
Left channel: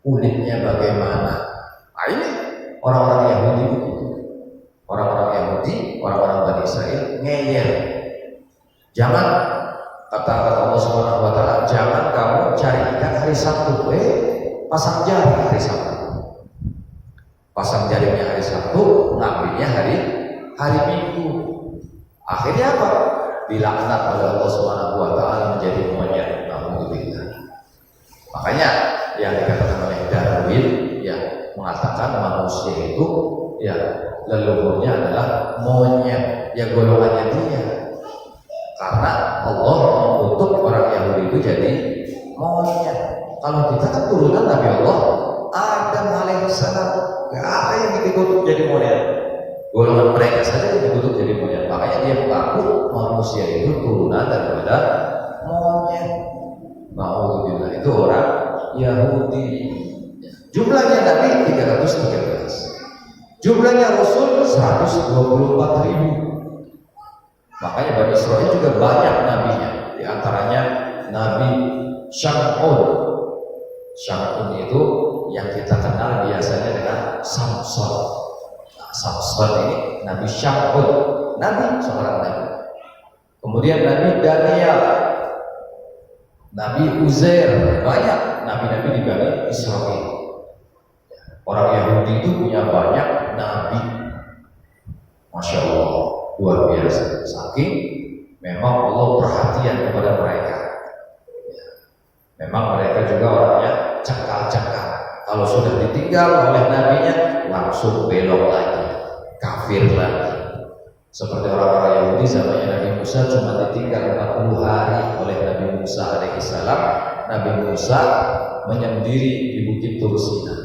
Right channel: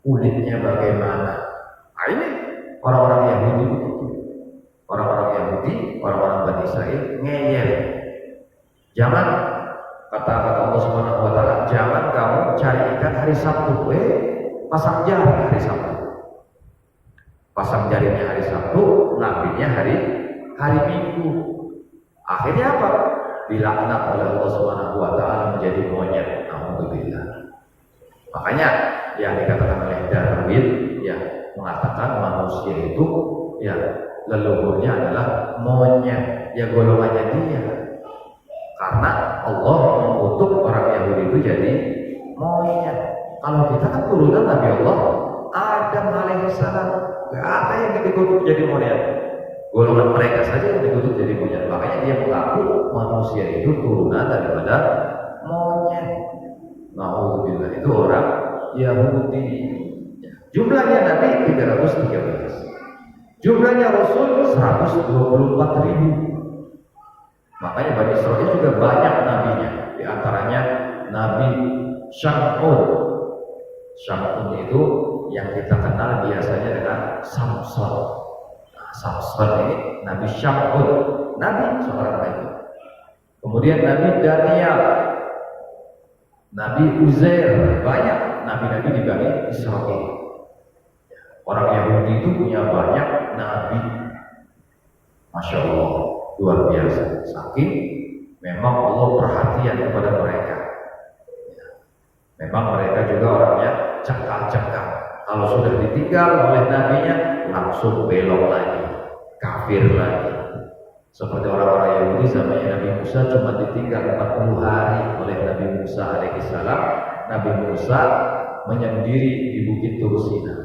Kulitnya bagaimana? Nah, ini orang-orang Yahudi begitu. Orang-orang Yahudi, orang-orang Bani Israel ngeyel. Jangan kata Allah Subhanahu wa Ta'ala, jangan kamu cari ikan hari Sabtu, pasang jaring hari Sabtu. Pasang jaringnya hari Sabtu, ngambilnya hari Minggu. Akhirnya apa? Dilaknat oleh Allah Subhanahu wa Ta'ala menjadi monyet. Alhamdulillah. Makanya yang dikatakan oleh Darwin ya mengatakan manusia itu ya leluhurnya adalah monyet, ya golongannya dia. Karena Allah mengutuk orang Yahudi itu jadi monyet. Kalau kita kan turunan Nabi Allah Adam alaihissalam, gak ada yang dikutuk jadi monyet. Golongan mereka saja yang dikutuk jadi monyet. Makanya dia mengaku manusia itu turunan daripada monyet. Alhamdulillah, itu orang Yahudi. Jumlahnya Nabi 313, jumlahnya Rasul 124.000. Makanya Bani Israel juga banyak nabinya. Di antaranya Nabi Syam'un. Syam'un itu yang kita kenal biasanya dengan Samson. Nah, Samson ini Nabi Syam'un, Nabi, seorang Nabi. Kemudian Nabi Daniel, Nabi Uzair, banyak nabi-nabi di Bani Israel. Orang Yahudi itu punya banyak nabi, Masya Allah. luar biasa. Saking memang Allah perhatian kepada mereka. Ya. Memang mereka juga orangnya cekal-cekal. Kalau sudah ditinggal oleh nabinya langsung belok lagi, kafir lagi. Seperti orang-orang Yahudi zamannya Nabi Musa cuma ditinggal 40 hari oleh Nabi Musa alaihissalam. Nabi Musa menyendiri di Bukit Tur Sina.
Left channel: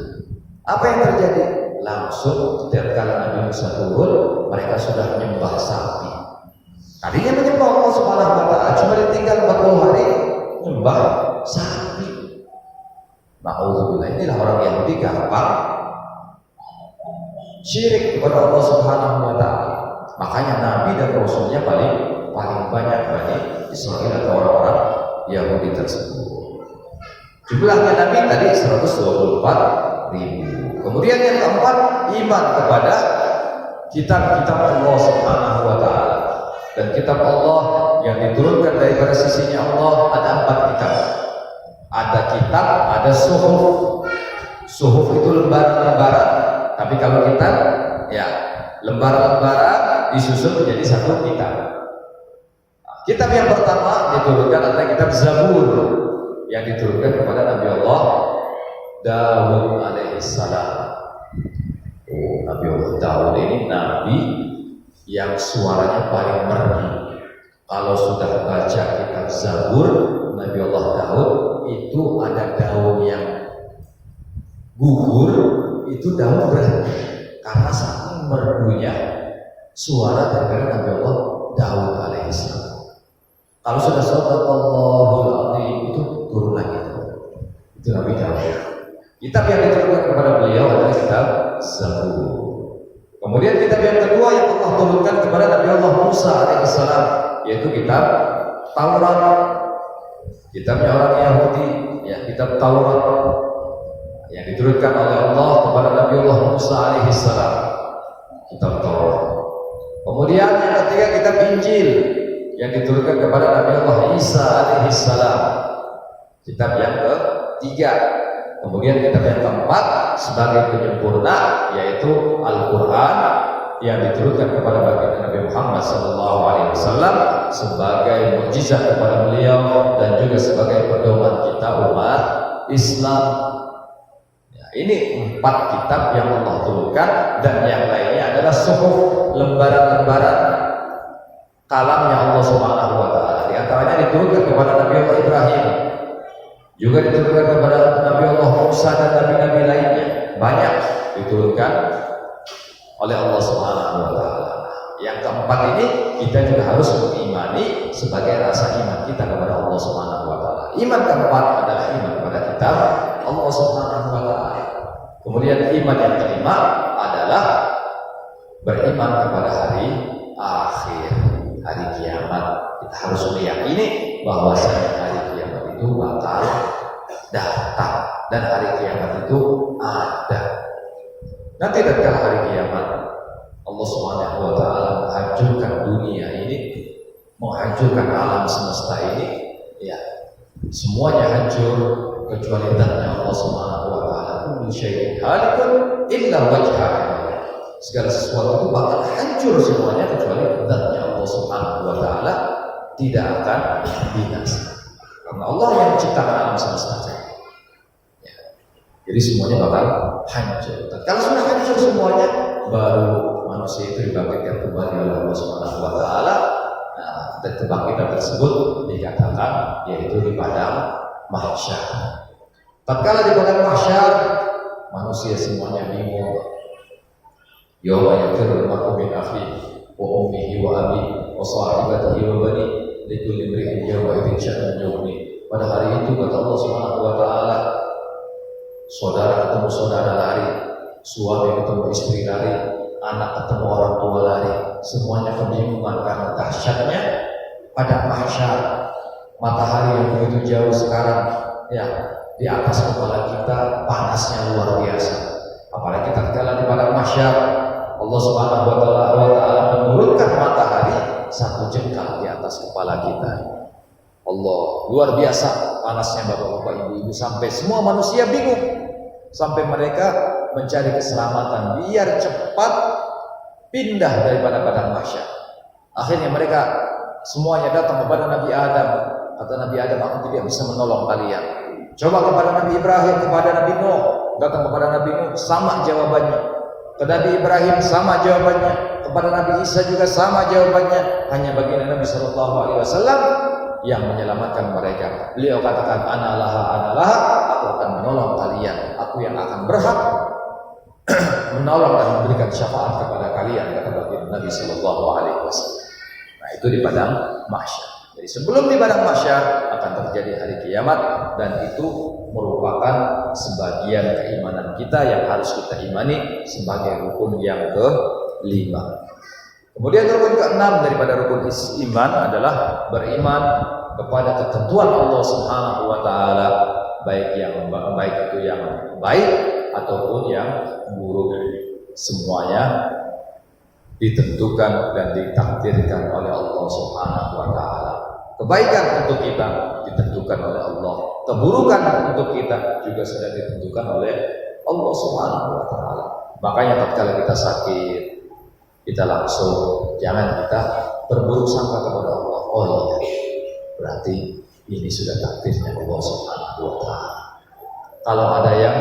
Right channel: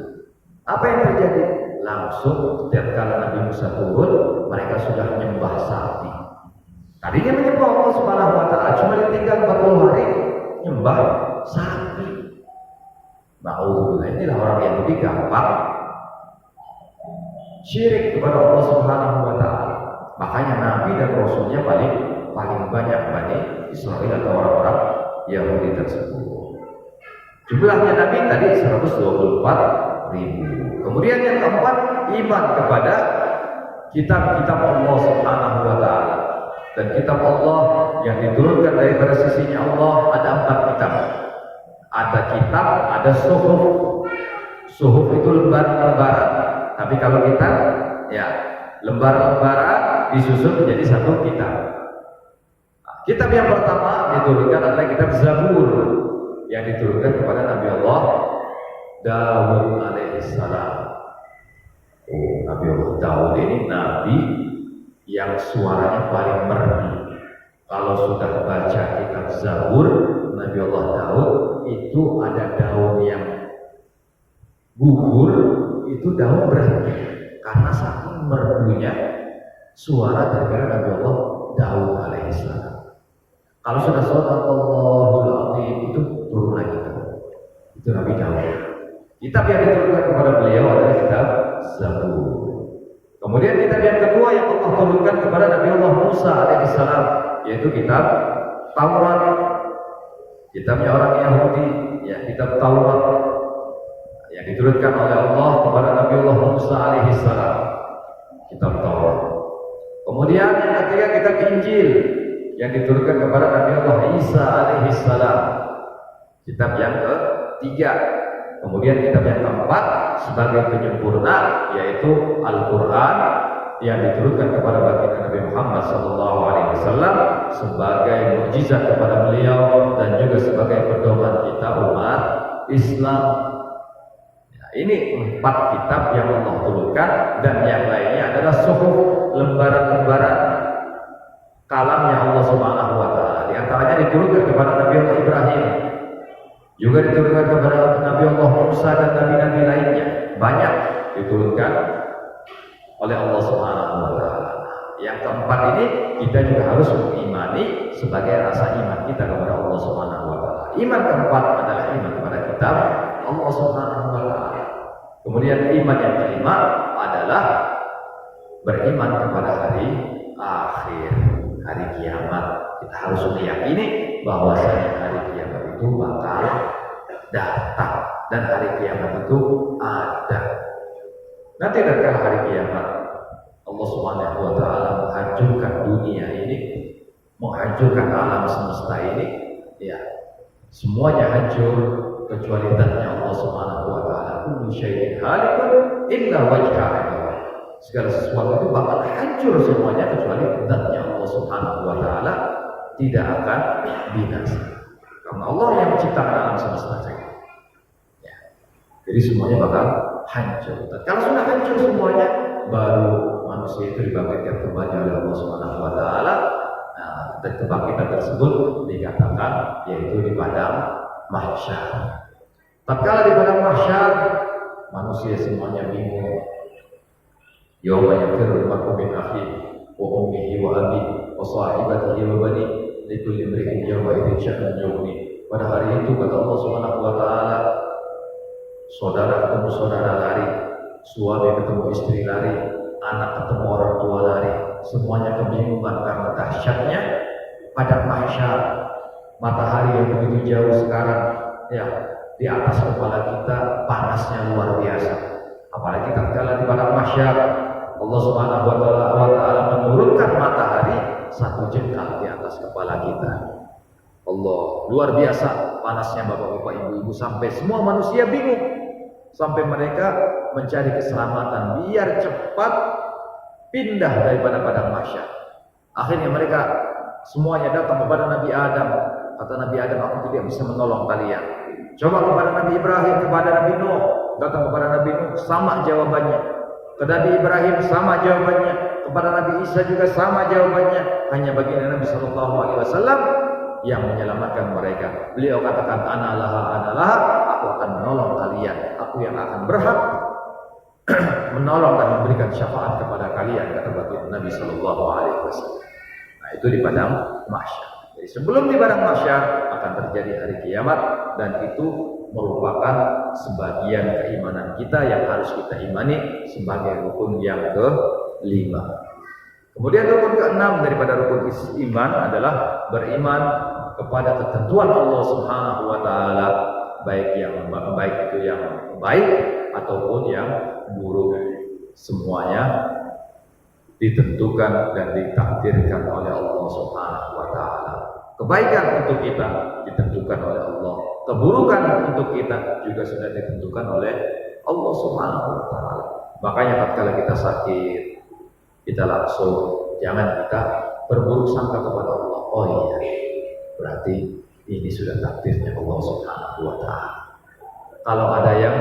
Apa yang terjadi? Langsung setiap kali Nabi Musa turun, mereka sudah menyembah sapi. Tadinya menyembah Allah Subhanahu wa taala, cuma ditinggal 40 hari menyembah sapi. Ma'udzubillah, inilah orang Yahudi gampang syirik kepada Allah Subhanahu wa taala. Makanya Nabi dan Rasulnya paling banyak Bani Israel atau orang-orang Yahudi tersebut. Jumlahnya Nabi tadi 124.000. Kemudian yang keempat, iman kepada kitab-kitab Allah Subhanahu wa taala. Dan kitab Allah yang diturunkan daripada sisinya Allah ada 4 kitab. Ada kitab, ada suhuf. Suhuf itu lembaran-lembaran. Tapi kalau kitab, ya lembaran-lembaran disusun menjadi satu kitab. Kitab yang pertama diturunkan adalah kitab Zabur yang diturunkan kepada Nabi Allah Daud alaihissalam. Nabi Allah Daud ini nabi yang suaranya paling merdu. Kalau sudah baca kitab Zabur Nabi Allah Daud, itu ada daun yang gugur, itu daun berhenti karena saking merdunya suara daripada Nabi Allah Daud alaihissalam. Kalau sudah shadaqallahul azim itu turun lagi. Itu Nabi Daud. Kitab yang diturunkan kepada beliau adalah kitab Zabur. Kemudian kitab yang kedua yang Allah turunkan kepada Nabi Allah Musa alaihissalam yaitu kitab Taurat. Kitabnya orang Yahudi, ya kitab Taurat yang diturunkan oleh Allah kepada Nabi Allah Musa alaihissalam. Kitab Taurat. Kemudian yang ketiga kitab Injil yang diturunkan kepada Nabi Allah Isa alaihissalam. Kitab yang ketiga. Kemudian kitab yang keempat sebagai penyempurna yaitu Al-Quran yang diturunkan kepada baginda Nabi Muhammad SAW sebagai mukjizat kepada beliau dan juga sebagai pedoman kita umat Islam. Ya, ini 4 kitab yang Allah turunkan dan yang lainnya adalah suhuf, lembaran-lembaran kalamnya Allah Subhanahu wa taala. Di antaranya diturunkan kepada Nabi Allah Ibrahim, juga diturunkan kepada Nabi Allah Musa dan nabi-nabi lainnya. Banyak diturunkan oleh Allah Subhanahu wa taala. Yang keempat ini kita juga harus mengimani sebagai rasa iman kita kepada Allah Subhanahu wa taala. Iman keempat adalah iman kepada kitab Allah Subhanahu wa taala. Kemudian iman yang kelima adalah beriman kepada hari akhir, hari kiamat. Kita harus meyakini bahwasanya hari kiamat itu bakal datang dan hari kiamat itu ada. Nanti tatkala hari kiamat Allah Subhanahu wa taala menghancurkan dunia ini, menghancurkan alam semesta ini, ya. Semuanya hancur kecuali zatnya Allah Subhanahu wa taala. Kullu syai'in halikun illa wajhah. Segala sesuatu itu bakal hancur semuanya kecuali zatnya Allah Subhanahu wa taala tidak akan binasa. Karena Allah yang menciptakan alam semesta saja. Ya. Jadi semuanya bakal hancur. Kalau sudah hancur semuanya, baru manusia itu dibangkitkan kembali oleh Allah Subhanahu wa taala. Nah, kebangkitan tersebut dikatakan yaitu di padang mahsyar. Tatkala di padang mahsyar, manusia semuanya bingung. Yauma yafirru al-mar'u min akhihi wa ummihi wa abihi wa sahibatihi wa banihi likulli imri'in yawma idzin sya'nun yughni. Pada hari itu kata Allah Subhanahu wa taala, saudara ketemu saudara lari, suami ketemu istri lari, anak ketemu orang tua lari, semuanya kebingungan karena dahsyatnya pada mahsyar. Matahari yang begitu jauh sekarang, ya, di atas kepala kita panasnya luar biasa. Apalagi tatkala di padang mahsyar Allah Subhanahu wa taala menurunkan matahari 1 jengkal di atas kepala kita. Allah, luar biasa panasnya bapak-bapak, ibu-ibu, sampai semua manusia bingung. Sampai mereka mencari keselamatan biar cepat pindah daripada padang mahsyar. Akhirnya mereka semuanya datang kepada Nabi Adam. Kata Nabi Adam, aku tidak bisa menolong kalian. Coba kepada Nabi Ibrahim, kepada Nabi Nuh, datang kepada Nabi Nuh, sama jawabannya. Ke Nabi Ibrahim sama jawabannya. Kepada Nabi Isa juga sama jawabannya. Hanya baginda Nabi Shallallahu Alaihi Wasallam yang menyelamatkan mereka. Beliau katakan, Analaha, aku akan menolong kalian. Aku yang akan berhak menolong dan memberikan syafaat kepada kalian, kata baginda Nabi Shallallahu Alaihi Wasallam. Nah, itu di padang mahsyar. Jadi sebelum di padang mahsyar akan terjadi hari kiamat, dan itu merupakan sebagian keimanan kita yang harus kita imani sebagai rukun yang kelima. Kemudian rukun keenam daripada rukun iman adalah beriman kepada ketentuan Allah Subhanahu wa taala, baik itu yang baik ataupun yang buruk. Semuanya ditentukan dan ditakdirkan oleh Allah Subhanahu wa taala. Kebaikan untuk kita ditentukan oleh Allah, keburukan untuk kita juga sudah ditentukan oleh Allah Subhanahu wa taala. Makanya tatkala kita sakit, kita langsung jangan kita berburuk sangka kepada Allah. Oh iya, berarti ini sudah takdirnya Allah Subhanahu wa taala. Kalau ada yang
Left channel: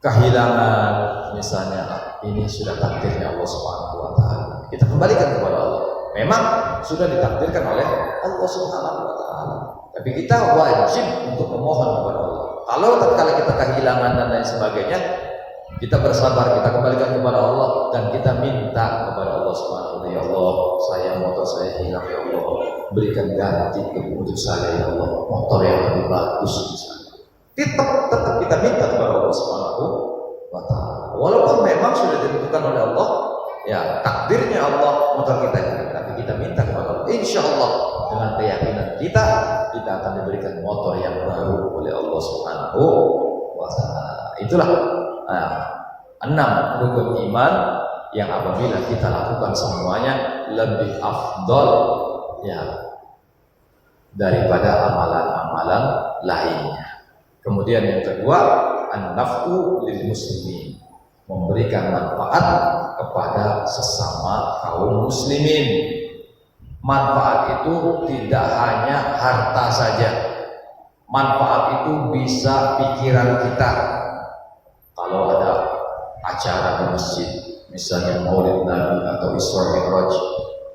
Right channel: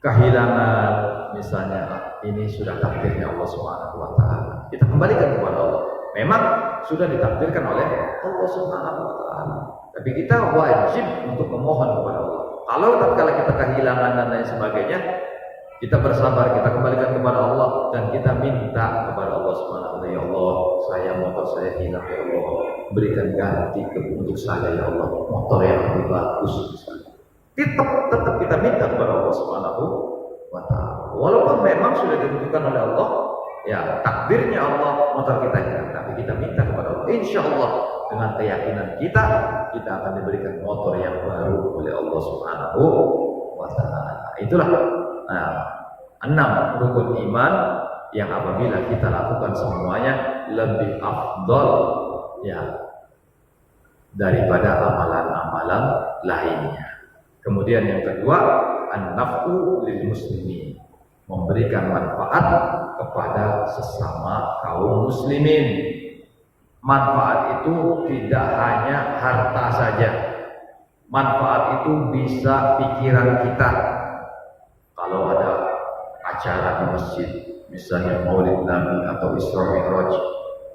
kehilangan misalnya, ini sudah takdirnya Allah Subhanahu wa taala. Kita kembalikan kepada Allah. Memang sudah ditakdirkan oleh Allah Subhanahu wa taala. Tapi kita wajib untuk memohon kepada Allah. Kalau tatkala kita kehilangan dan lain sebagainya, kita bersabar, kita kembalikan kepada Allah dan kita minta kepada Allah Subhanahu wa taala, ya Allah, motor saya hilang, ya Allah, berikan ganti untuk saya, ya Allah, motor yang lebih bagus misalnya. Tetap kita minta kepada Allah Subhanahu wa taala. Walaupun memang sudah ditentukan oleh Allah, ya takdirnya Allah motor kita hilang, tapi kita minta kepada Allah. Insya Allah dengan keyakinan kita akan diberikan motor yang baru oleh Allah Subhanahu wa taala. Itulah 6 rukun iman yang apabila kita lakukan semuanya lebih afdol ya daripada amalan-amalan lainnya. Kemudian yang kedua, an-naf'u lil muslimin, memberikan manfaat kepada sesama kaum muslimin. Manfaat itu tidak hanya harta saja. Manfaat itu bisa pikiran kita. Kalau ada acara di masjid, misalnya Maulid Nabi atau Isra Mi'raj,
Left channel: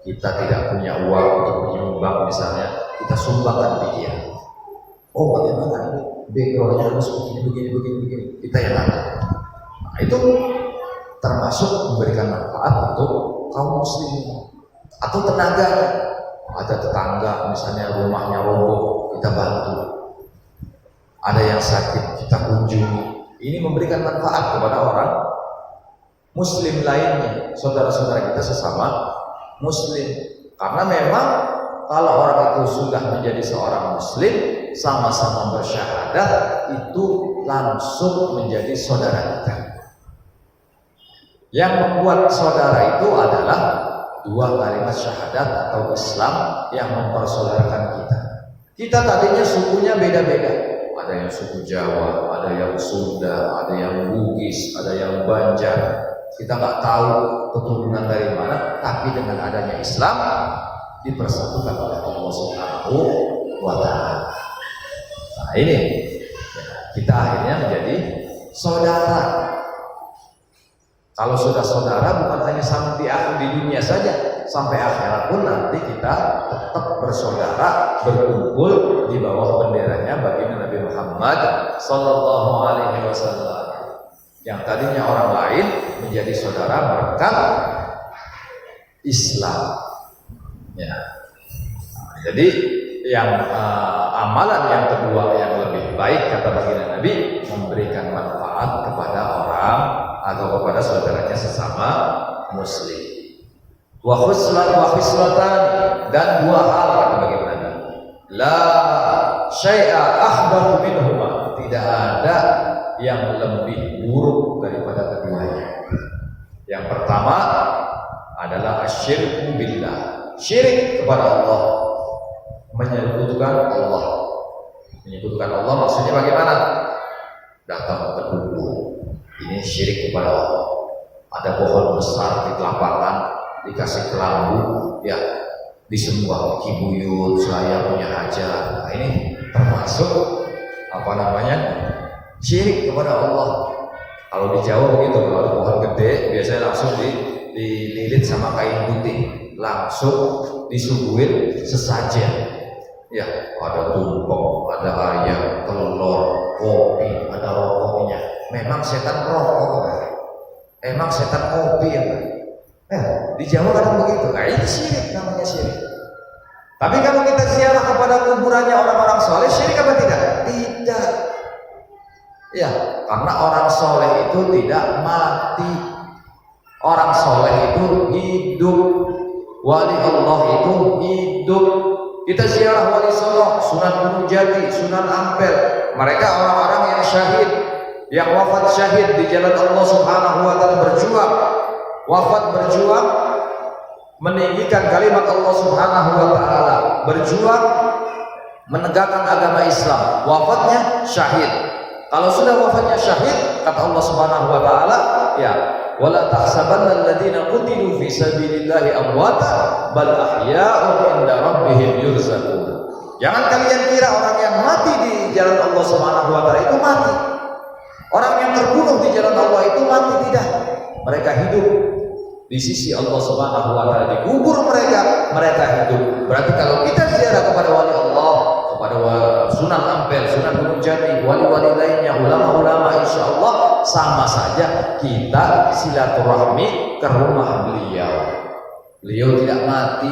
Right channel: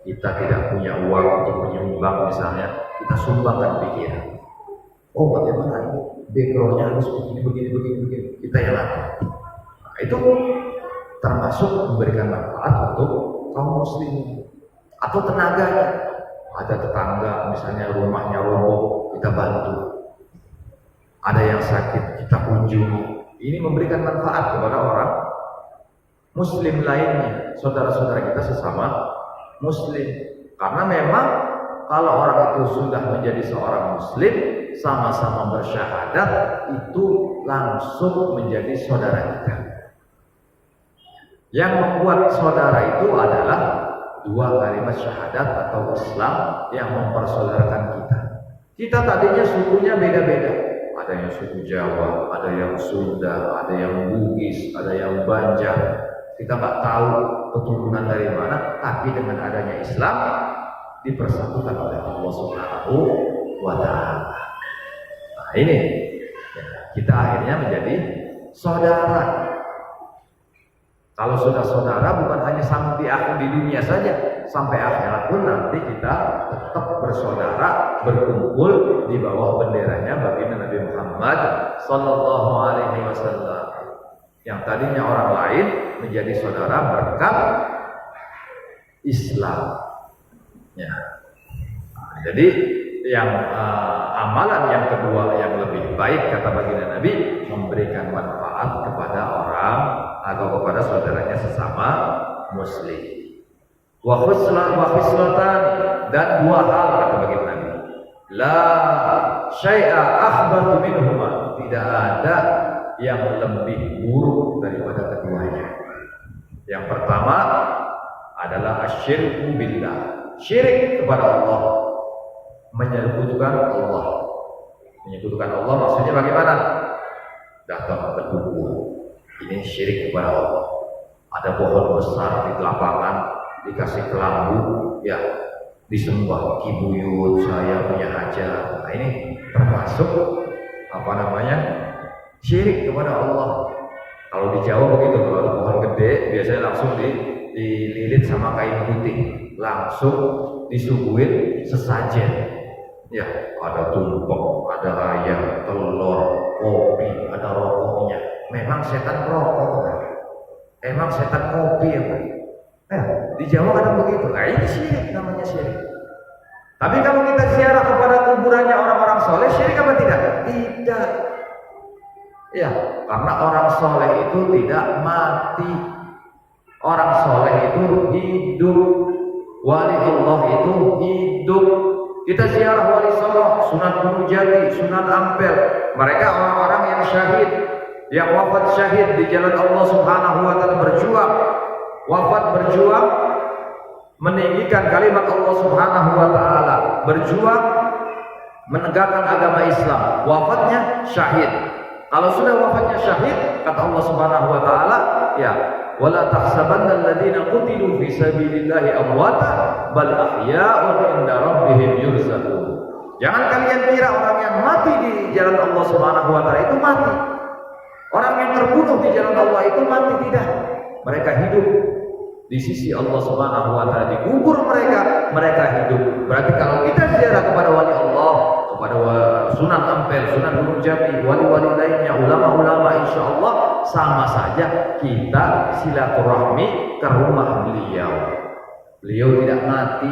kita tidak punya uang untuk menyumbang misalnya, kita sumbangkan pikiran. Oh, bagaimana ini? Backgroundnya harus begini. Kita yang atur. Nah, itu termasuk memberikan manfaat untuk kaum muslimin. Atau tenaganya, ada tetangga misalnya rumahnya roboh, kita bantu. Ada yang sakit, kita kunjungi. Ini memberikan manfaat kepada orang muslim lainnya, saudara-saudara kita sesama muslim. Karena memang kalau orang itu sudah menjadi seorang muslim, sama-sama bersyahadat, itu langsung menjadi saudara kita. Yang membuat saudara itu adalah 2 kalimat syahadat atau Islam yang mempersaudarakan kita. Kita tadinya sukunya beda-beda. Ada yang suku Jawa, ada yang Sunda, ada yang Bugis, ada yang Banjar. Kita nggak tahu keturunan dari mana, tapi dengan adanya Islam dipersatukan oleh Allah Subhanahu wa taala. Nah, ini kita akhirnya menjadi saudara. Kalau sudah saudara, bukan hanya sama di dunia saja, sampai akhirat pun nanti kita tetap bersaudara, berkumpul di bawah benderanya baginda Nabi Muhammad sallallahu alaihi wasallam. Yang tadinya orang lain menjadi saudara berkat Islam. Ya. Nah, jadi yang amalan yang kedua yang lebih baik kata baginda Nabi, memberikan manfaat kepada orang atau kepada saudaranya sesama muslim. Wa khislatan, dan 2 hal kata baginda Nabi, la syai'a akhbaru minhuma, tidak ada yang lebih buruk daripada keduanya. Yang pertama adalah asyirku billah, syirik kepada Allah, menyekutukan Allah. Menyekutukan Allah maksudnya bagaimana? Datang ke dukun, ini syirik kepada Allah. Ada pohon besar di lapangan, dikasih kelambu, ya disembah kibuyut, saya punya hajat. Nah, ini termasuk apa namanya? Syirik kepada Allah. Kalau di Jawa begitu, kalau ada pohon gede biasanya langsung dililit sama kain putih, langsung disuguhin sesajen. Ya, ada tumpeng, ada ayam, telur, kopi, ada rokoknya. Memang setan merokok, kan? Emang setan kopi ya, kan? Ya, di Jawa kadang begitu. Nah, ini syirik, namanya syirik. Tapi kalau kita ziarah kepada kuburannya orang-orang soleh, syirik apa tidak? Tidak. Ya, karena orang soleh itu tidak mati. Orang soleh itu hidup. Wali Allah itu hidup. Kita ziarah wali Songo, Sunan Gunung Jati, Sunan Ampel. Mereka orang-orang yang syahid, yang wafat syahid di jalan Allah Subhanahu wa taala, berjuang. Wafat berjuang meninggikan kalimat Allah Subhanahu wa taala, berjuang menegakkan agama Islam. Wafatnya syahid. Kalau sudah wafatnya syahid, kata Allah Subhanahu wa taala, ya, wala tahsabanna alladziina qutilu fi sabilillahi amwata bal ahya'un 'inda rabbihim yurzaqun. Jangan kalian kira orang yang mati di jalan Allah Subhanahu wa taala itu mati. Orang yang terbunuh di jalan Allah itu mati, tidak. Mereka hidup di sisi Allah Subhanahu wa taala, dikubur mereka hidup. Berarti kalau kita ziarah kepada wali Allah, kepada Sunan Ampel, Sunan Gunung Jati, wali-wali lainnya, ulama-ulama, insya Allah sama saja kita silaturahmi ke rumah beliau. Beliau tidak mati,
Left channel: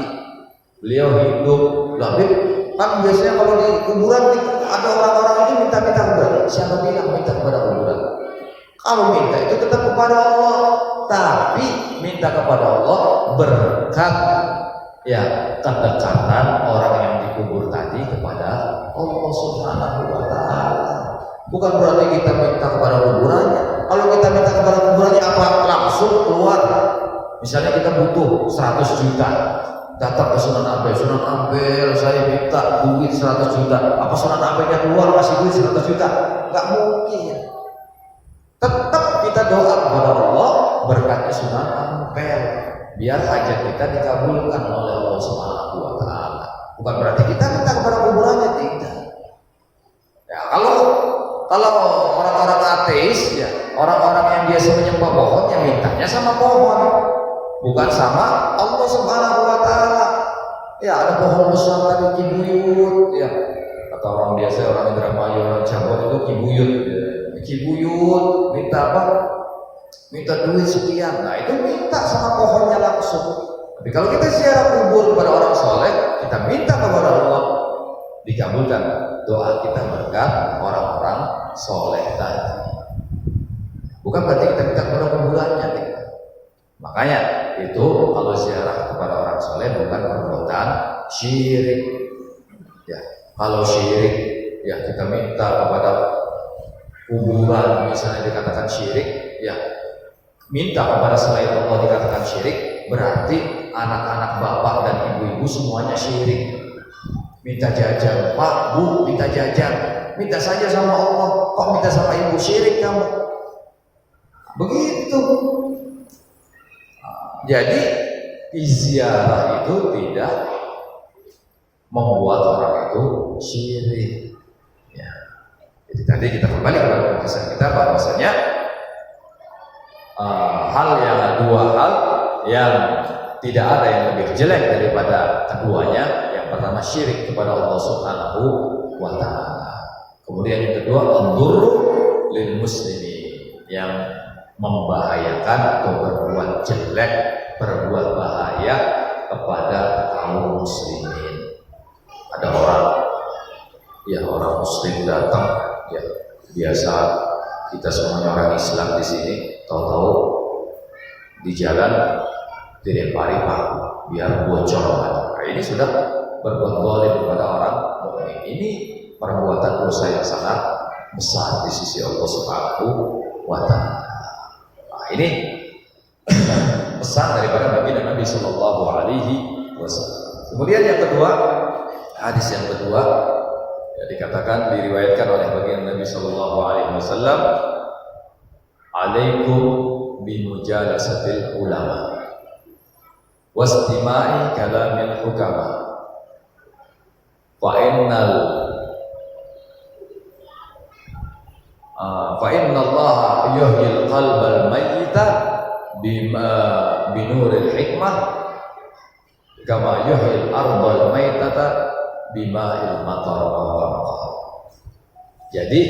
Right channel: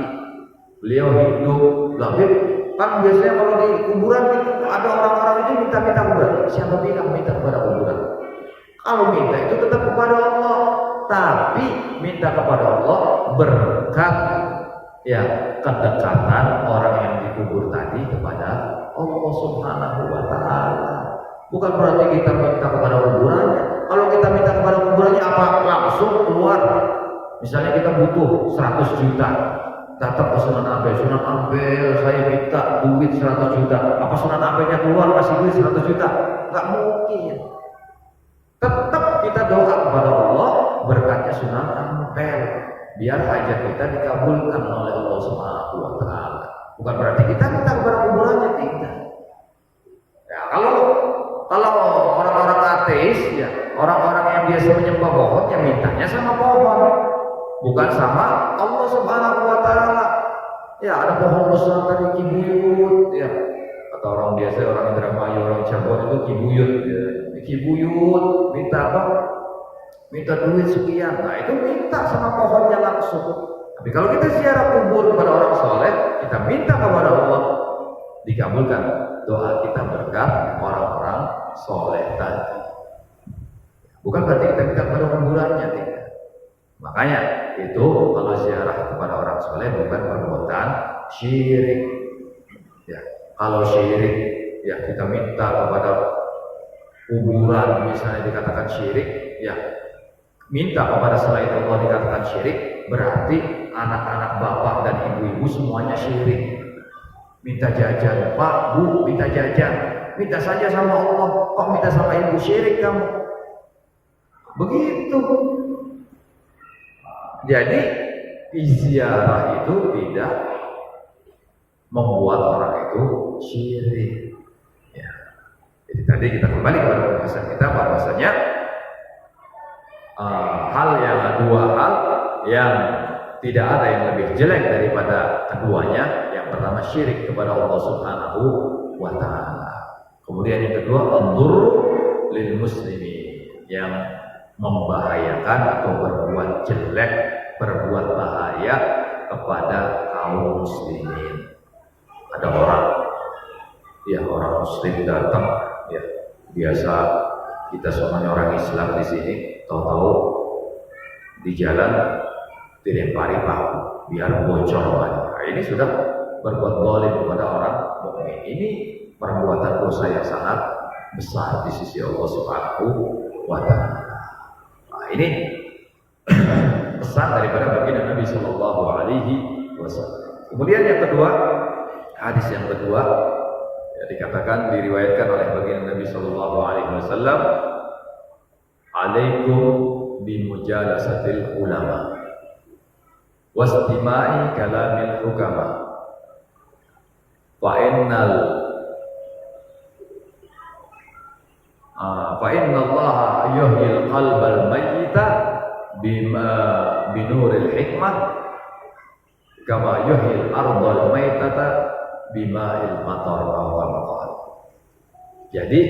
beliau hidup. Tapi kan biasanya kalau di kuburan ada orang-orang itu minta-minta kuburan. Siapa bilang minta kepada kuburan? Kalau minta itu tetap kepada Allah, tapi minta kepada Allah berkat, ya, kedekatan orang yang dikubur tadi kepada Allah Subhanahu wa taala. Bukan berarti kita minta kepada kuburannya. Kalau kita minta kepada kuburannya apa? Langsung keluar. Misalnya kita butuh 100 juta. Datang ke Sunan Ampel, Sunan Ampel saya minta duit 100 juta. Apa Sunan Ampelnya keluar kasih duit 100 juta? Enggak mungkin. Tetap kita doa kepada Allah berkatnya Sunan Ampel, biar hajat kita dikabulkan oleh Allah Subhanahu wa taala. Bukan berarti kita minta kepada kuburannya, tidak. Ya, kalau orang-orang ateis, ya, orang-orang yang biasa menyembah pohon, yang mintanya sama pohon, bukan sama Allah Subhanahu wa taala. Ya, ada pohon besar tadi kibuyut, ya. Atau orang biasa, orang Indramayu, orang Cirebon itu kibuyut, ya. Kibuyut minta apa? Minta duit sekian. Nah, itu minta sama pohonnya langsung. Tapi kalau kita ziarah kubur kepada orang soleh, kita minta kepada Allah, dikabulkan doa kita berkat orang-orang soleh tadi. Bukan berarti kita minta kepada kuburannya, tidak. Makanya itu kalau ziarah kepada orang soleh bukan perbuatan syirik. Ya, kalau syirik, ya kita minta kepada kuburan misalnya dikatakan syirik, ya minta kepada selain Allah dikatakan syirik, berarti anak-anak bapak dan ibu-ibu semuanya syirik. Minta jajan, Pak, Bu, minta jajan, minta saja sama Allah, kok minta sama ibu? Syirik kamu. Begitu. Jadi ziarah itu tidak membuat orang itu syirik. Ya. Jadi tadi kita kembali kepada pembahasan kita bahwasanya dua hal yang tidak ada yang lebih jelek daripada keduanya. Yang pertama syirik kepada Allah Subhanahu wa taala. Kemudian yang kedua ad-durru lil muslimin, yang membahayakan atau berbuat jelek, berbuat bahaya kepada kaum muslimin. Ada orang muslim datang, ya biasa kita semuanya orang Islam di sini, tahu-tahu di jalan dilempari paku biar bocor. Nah, ini sudah berbuat zalim kepada orang mukmin. Ini perbuatan dosa yang sangat besar di sisi Allah Subhanahu wa taala. Nah, ini pesan daripada baginda Nabi sallallahu alaihi wasallam. Kemudian yang kedua, hadis yang kedua, ya, dikatakan diriwayatkan oleh baginda Nabi sallallahu alaihi wasallam, alaikum bimujalasatil ulama. wastima'i kalamil hukama. Fa innallaha yuhyil qalbal mayyita binuril hikmah kama yuhyil ardal maitata bima'il matar. Jadi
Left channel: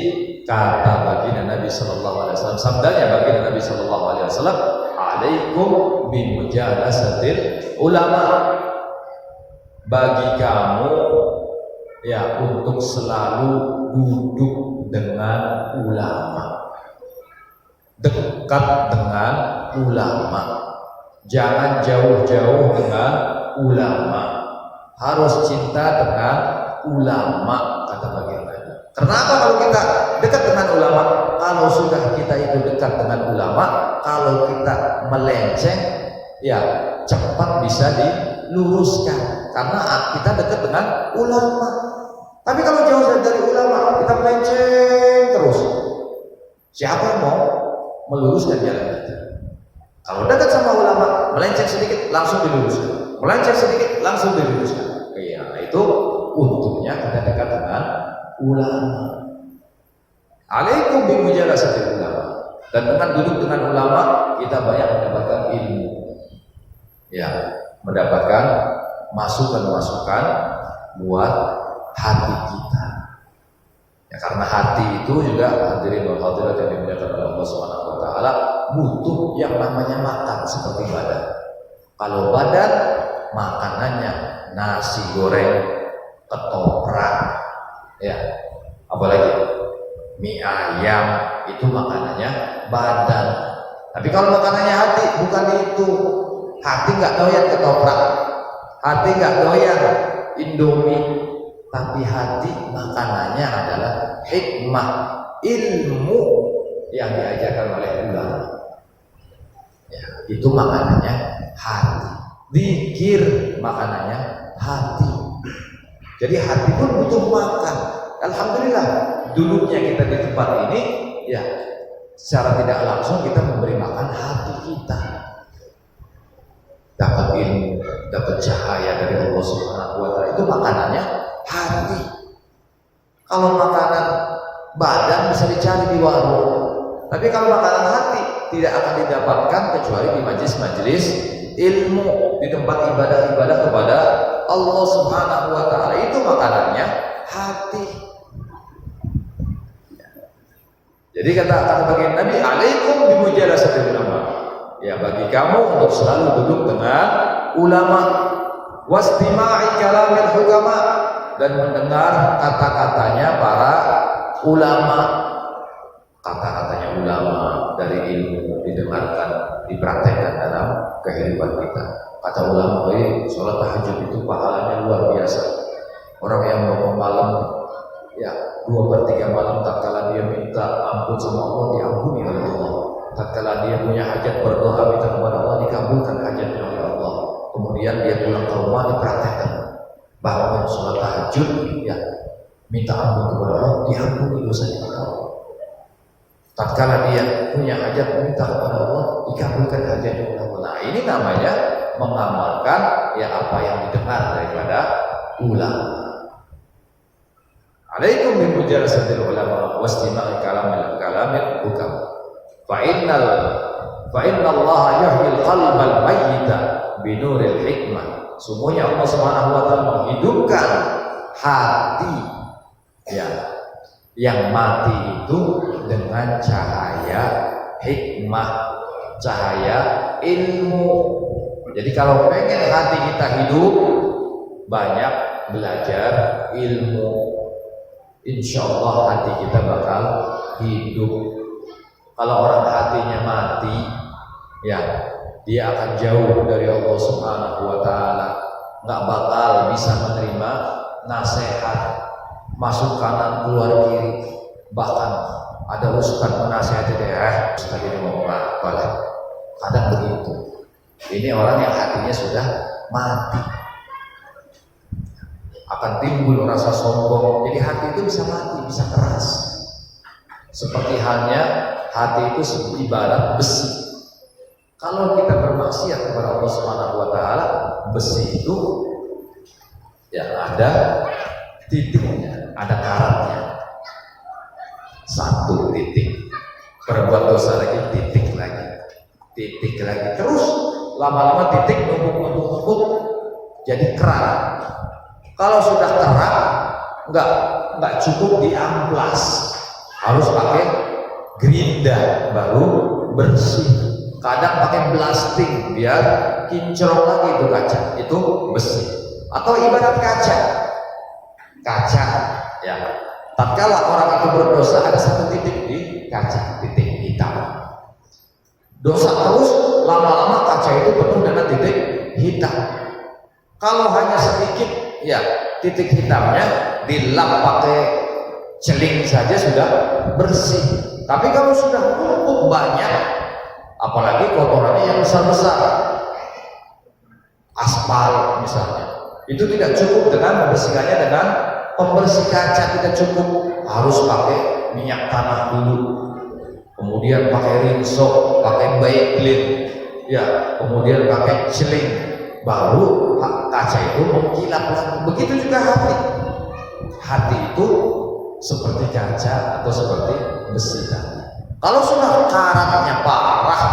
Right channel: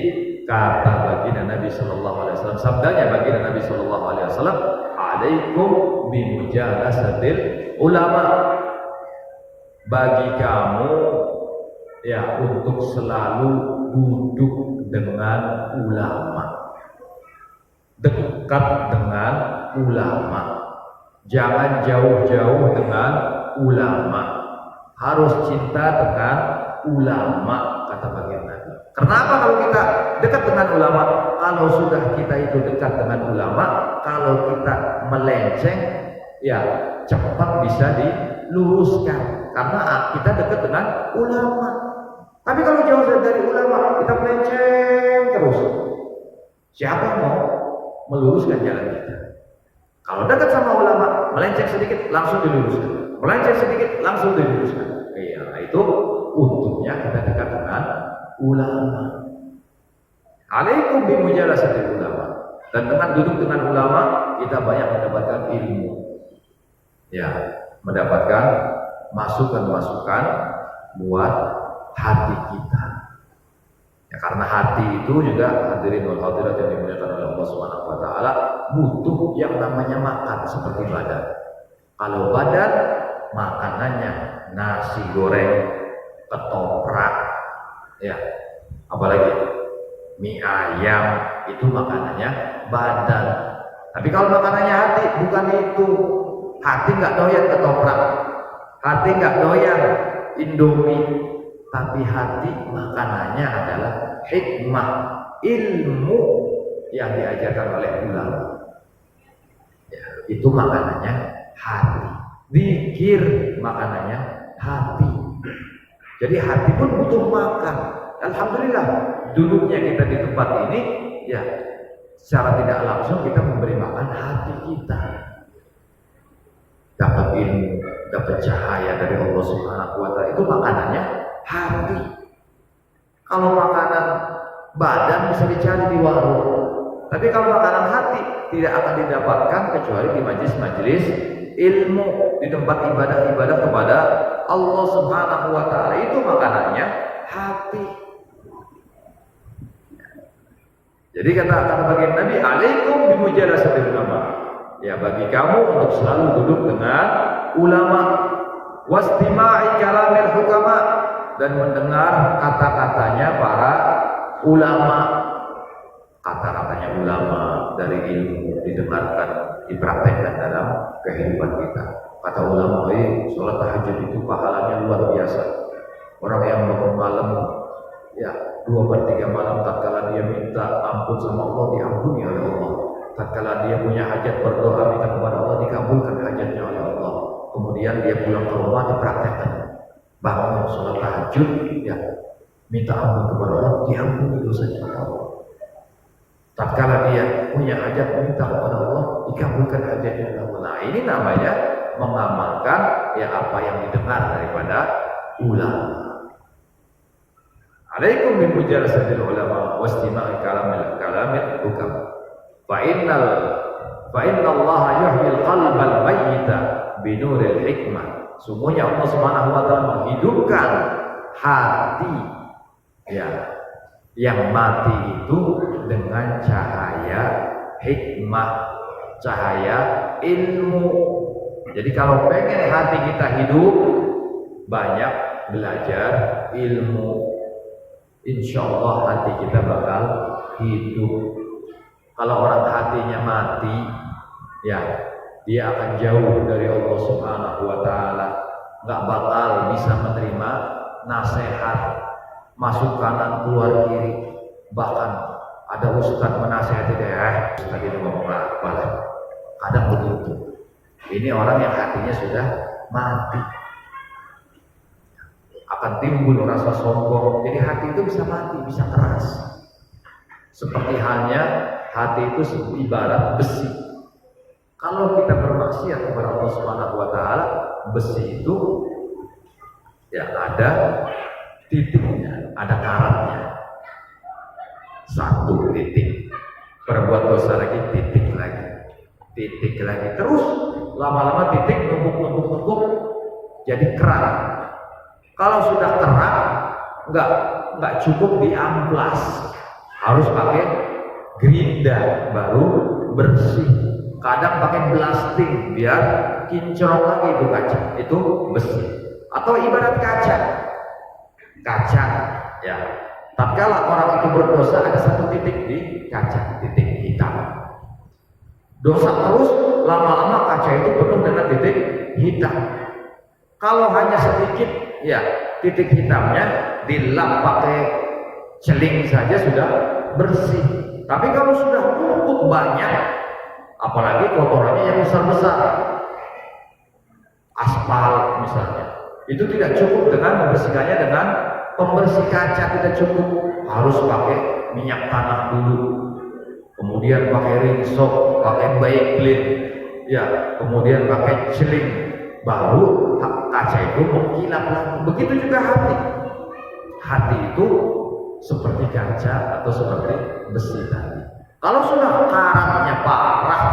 kata baginda Nabi sallallahu alaihi wasallam, sabdanya baginda Nabi sallallahu alaihi wasallam, alaikum bimujalasatil ulama. Bagi kamu ya untuk selalu duduk dengan ulama, dekat dengan ulama, jangan jauh-jauh dengan ulama, harus cinta dengan ulama, kata baginda Nabi. Kenapa kalau kita dekat dengan ulama? Kalau sudah kita itu dekat dengan ulama, kalau kita melenceng, ya cepat bisa diluruskan karena kita dekat dengan ulama. Tapi kalau jauh dari ulama, kita melenceng terus. Siapa yang mau meluruskan jalan kita? Kalau dekat sama ulama, melenceng sedikit langsung diluruskan, melenceng sedikit langsung diluruskan. Iya, itu untungnya kita dekat dengan ulama. Alaikum bimujalasatil ulama. Dan dengan duduk dengan ulama, kita banyak mendapatkan ilmu. Ya, mendapatkan masukan-masukan buat hati kita. Ya, karena hati itu juga, hadirin wal hadirat yang dimuliakan oleh Allah Subhanahu wa taala, butuh yang namanya makan seperti badan. Kalau badan makanannya nasi goreng, ketoprak, ya, apalagi mie ayam, itu makanannya badan. Tapi kalau makanannya hati, bukan itu. Hati nggak doyan ketoprak, hati nggak doyan Indomie, tapi hati makanannya adalah hikmah, ilmu yang diajarkan oleh ulama. Ya, itu makanannya hati. Zikir makanannya hati. Jadi hati pun butuh makan. Alhamdulillah, duduknya kita di tempat ini, ya secara tidak langsung kita memberi makan hati kita. Dapat ilmu, dapat cahaya dari Allah Subhanahu wa taala, itu makanannya hati. Kalau makanan badan bisa dicari di warung, tapi kalau makanan hati tidak akan didapatkan kecuali di majelis-majelis ilmu, di tempat ibadah-ibadah kepada Allah Subhanahu wa taala. Itu makanannya hati. Jadi kata baginda Nabi, alaikum bimujalasatil ulama. Ya, bagi kamu untuk selalu duduk dengan ulama, wastima'i kalamil hukama, dan mendengar kata-katanya para ulama. Kata-katanya ulama dari ilmu didengarkan, dipraktekkan dalam kehidupan kita. Kata ulama, sholat tahajud itu pahalanya luar biasa. Orang yang bangun malam, ya 2/3 malam, tatkala dia minta ampun sama Allah, diampuni oleh Allah. Tatkala dia punya hajat, berdoa minta kepada Allah, dikabulkan hajatnya oleh Allah. Kemudian dia pulang ke rumah, dipraktekkan, bangun sholat tahajud, ya minta ampun kepada Allah, diampuni dosanya oleh Allah. Tatkala dia punya hajat, minta kepada Allah, dikabulkan hajatnya oleh Allah. Nah, ini namanya mengamalkan ya apa yang didengar daripada ulama. Alaikum bimujalasatil ulama wastima'i kalamil hukam. Fa innallaha yuhyil qalbal mayyita binuril hikmah. Sungguhnya Allah Subhanahu wa taala menghidupkan hati ya yang mati itu dengan cahaya hikmah, cahaya ilmu. Jadi kalau pengen hati kita hidup, banyak belajar ilmu, insya Allah hati kita bakal hidup. Kalau orang hatinya mati, ya dia akan jauh dari Allah Subhanahu wa taala, nggak bakal bisa menerima nasihat, masuk kanan keluar kiri. Bahkan ada ustaz menasihati dia, ustaz ini mau apa lah, kadang begitu. Ini orang yang hatinya sudah mati, akan timbul rasa sombong. Jadi hati itu bisa mati, bisa keras. Seperti halnya hati itu ibarat besi. Kalau kita bermaksiat kepada Allah Subhanahu wa taala, besi itu ya ada titiknya, ada karatnya. Satu titik. Berbuat dosa lagi, titik lagi. Terus lama-lama titik numpuk jadi keran. Kalau sudah keran, enggak cukup diamplas, harus pakai gerinda baru bersih. Kadang pakai blasting biar kinclong lagi itu kaca, itu besi. Atau ibarat kaca ya. Tatkala orang itu berdosa, ada satu titik di kaca, titik hitam. Dosa terus, lama-lama kaca itu penuh dengan titik hitam. Kalau hanya sedikit, ya titik hitamnya dilap pakai celing saja sudah bersih. Tapi kalau sudah numpuk banyak, apalagi kotorannya yang besar-besar, aspal misalnya, itu tidak cukup dengan membersihkannya dengan pembersih kaca, tidak cukup, harus pakai minyak tanah dulu, kemudian pakai rinso, pakai Bayclean, ya, kemudian pakai celing, baru kaca itu mengkilap lagi. Begitu juga hati itu seperti kaca atau seperti besi tadi. Kalau sudah karatnya parah,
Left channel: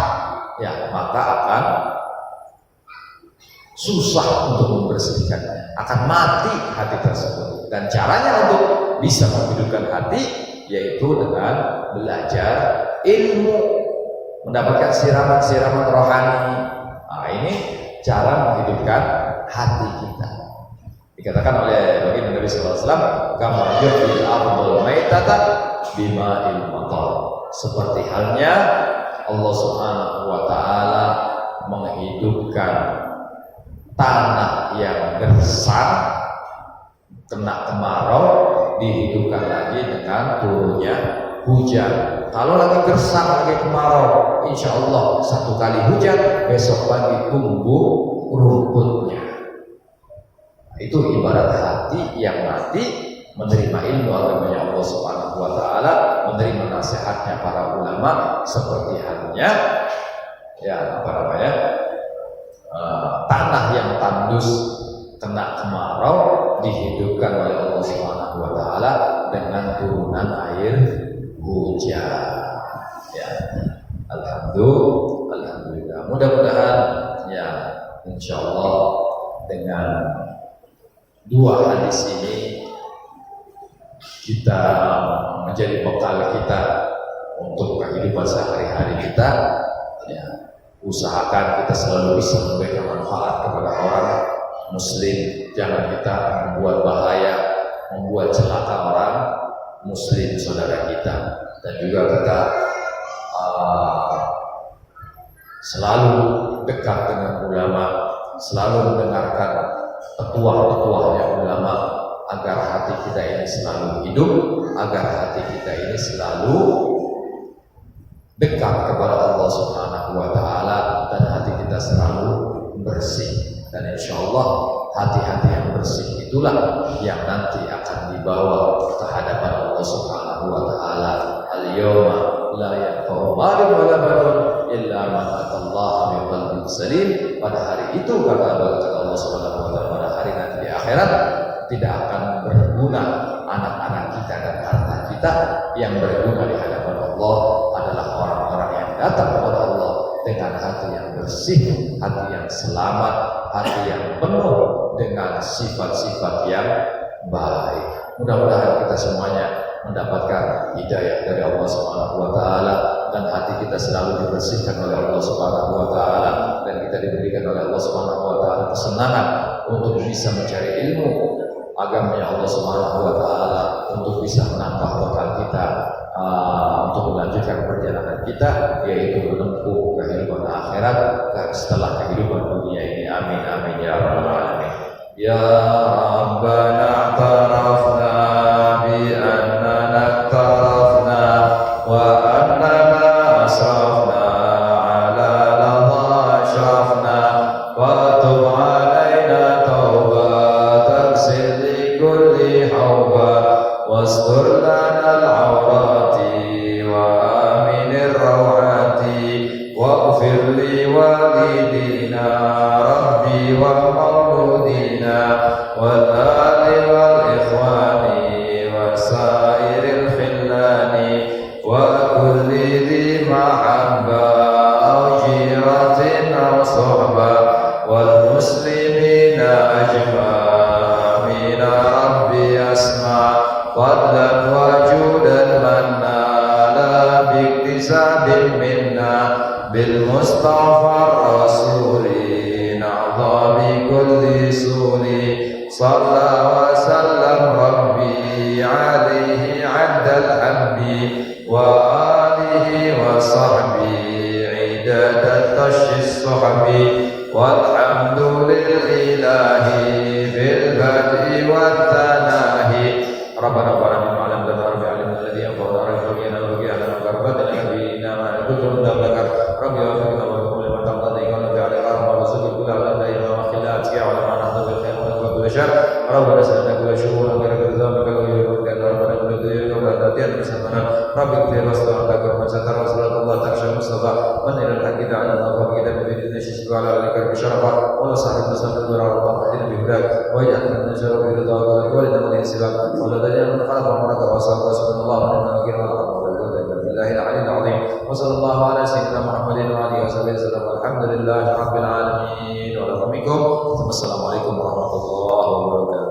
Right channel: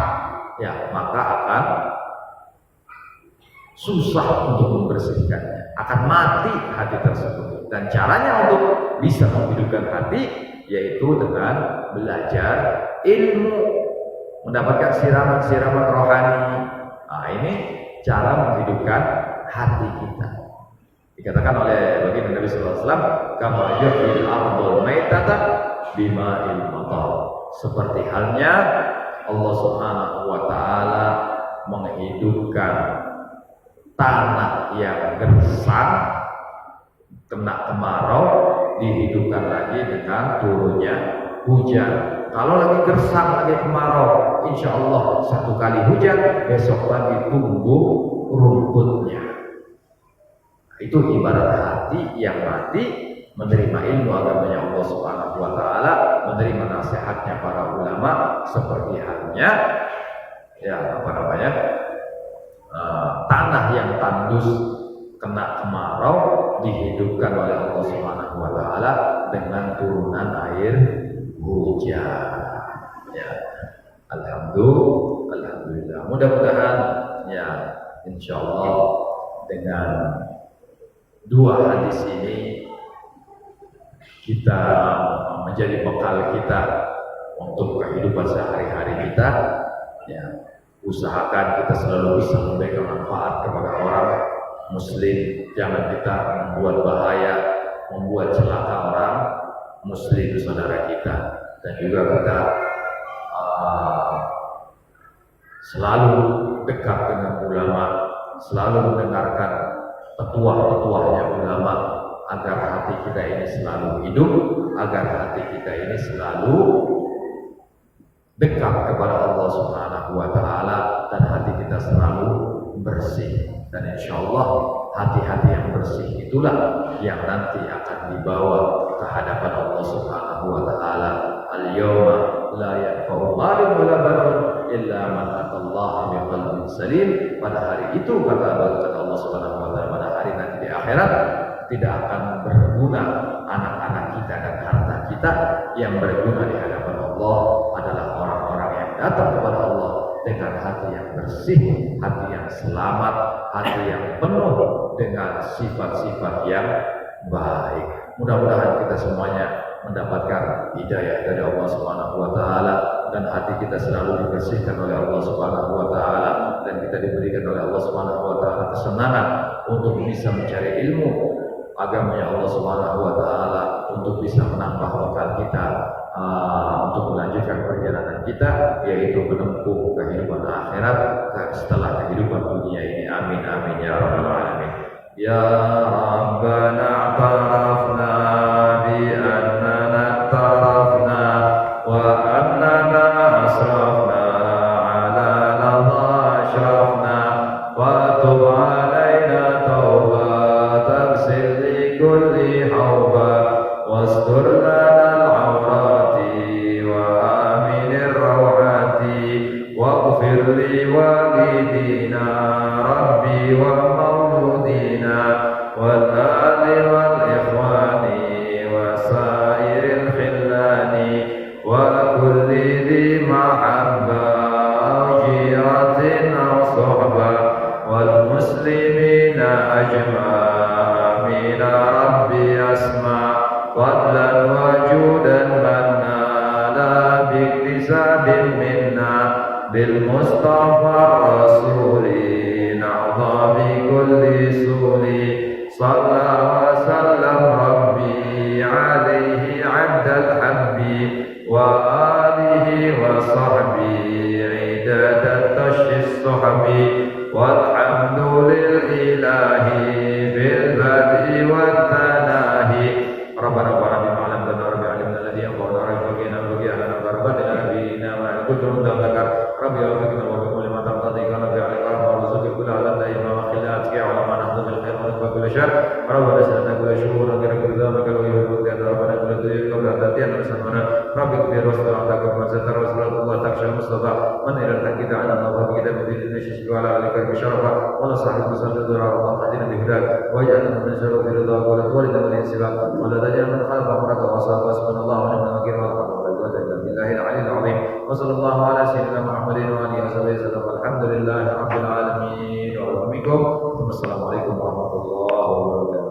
ya maka akan susah untuk membersihkannya, akan mati hati tersebut. Dan caranya untuk bisa menghidupkan hati yaitu dengan belajar ilmu, mendapatkan siraman-siraman rohani. Nah, ini cara menghidupkan hati kita. Dikatakan oleh baginda Nabi sallallahu alaihi wasallam, kama yuhyil ardul maitata bima'il matar. Seperti halnya Allah Subhanahu wa taala menghidupkan tanah yang gersang, kena kemarau, dihidupkan lagi dengan turunnya hujan. Kalau lagi gersang, lagi kemarau, insya Allah satu kali hujan, besok lagi tumbuh rumputnya. Nah, itu ibarat hati yang mati menerima ilmu agamanya Allah Subhanahu wa taala, menerima nasihatnya para ulama, seperti halnya tanah yang tandus kena kemarau dihidupkan oleh Allah Subhanahu wa taala dengan turunan air hujan. Ya. Alhamdulillah. Mudah-mudahan ya insyaallah dengan dua hadis ini kita menjadi bekal kita untuk kehidupan sehari-hari kita. Ya. Usahakan kita selalu bisa memberikan manfaat kepada orang muslim, jangan kita membuat bahaya, membuat celaka orang muslim saudara kita. Dan juga kita selalu dekat dengan ulama, selalu mendengarkan petuah-petuahnya ulama, agar hati kita ini selalu hidup, agar hati kita ini selalu dekat kepada Allah Subhanahu wa taala, dan hati kita selalu bersih. Dan insya Allah hati-hati yang bersih itulah yang nanti akan dibawa ke hadapan Allah Subhanahu wa taala. Al-yawma la yanfa'u malun wa la banun illa man atallaha biqalbin salim. Pada hari itu kata Allah Subhanahu wa taala, pada hari nanti di akhirat tidak akan berguna anak-anak kita dan harta kita. Yang berguna di hadapan Allah adalah orang-orang yang datang kepada Allah dengan hati yang bersih, hati yang selamat, hati yang penuh dengan sifat-sifat yang baik. Mudah-mudahan kita semuanya mendapatkan hidayah dari Allah Subhanahu wa taala, dan hati kita selalu dibersihkan oleh Allah Subhanahu wa taala, dan kita diberikan oleh Allah Subhanahu wa taala kesenangan untuk bisa mencari ilmu agamanya Allah Subhanahu wa taala, untuk bisa menambah bekal kita untuk melanjutkan perjalanan kita, yaitu menempuh kehidupan akhirat setelah kehidupan dunia ini. Amin amin ya rabbal alamin. Ya Rabbana tarafna bi annana tarafna wa annana asrafna ala ladha ashrafna wa tub alaina taubatan silli kulli hauba wastur lana واغفر لي والدي والآل والإخوان وسائر الخلان وكل ذي محبة أو جيرة أو صحبة والمسلمين أجمع آمين ربي أسمع فضلا وجودا منا لا باكتساب منا بالمصطفى الرسول نعظى بكل سول صلى وسلم ربي عليه عد الحب وآله وصحبه عداد الطش الصحب والحمد للإله في البدء والثناء ربنا بارك علمنا رب علمنا الذي ينفعنا رب فقنا ورقي لنا بربدنا نبينا مع الكتب ذكر ربي وفقنا وفقنا لما تقتضي قال في عليك ورزق كل على دائما وخلات يا علماء نحن بالخير ونكفى كل شر ربنا سلمنا كل شهور غير كل ذنب ويرد ربنا كل ذنب قبل تاتينا مسلمنا ربي اغفر واستغفر لك ومن ستر وصلاه الله تخشى المصطفى من الى الحق دعنا وبقينا ببيتنا ششك وعلى ذلك بشرفه ولا صاحب مسلم دور الله اهدنا بهداك واجعلنا من شر برضاك ولد من يسبك ولا دجال من خلق امرك وصلى وسبحان الله ونعم الوكيل والحمد لله العلي العظيم وصلى الله على سيدنا محمد وعلى اله وصحبه وسلم والحمد لله رب العالمين ورحمكم ثم السلام عليكم ورحمه الله وبركاته.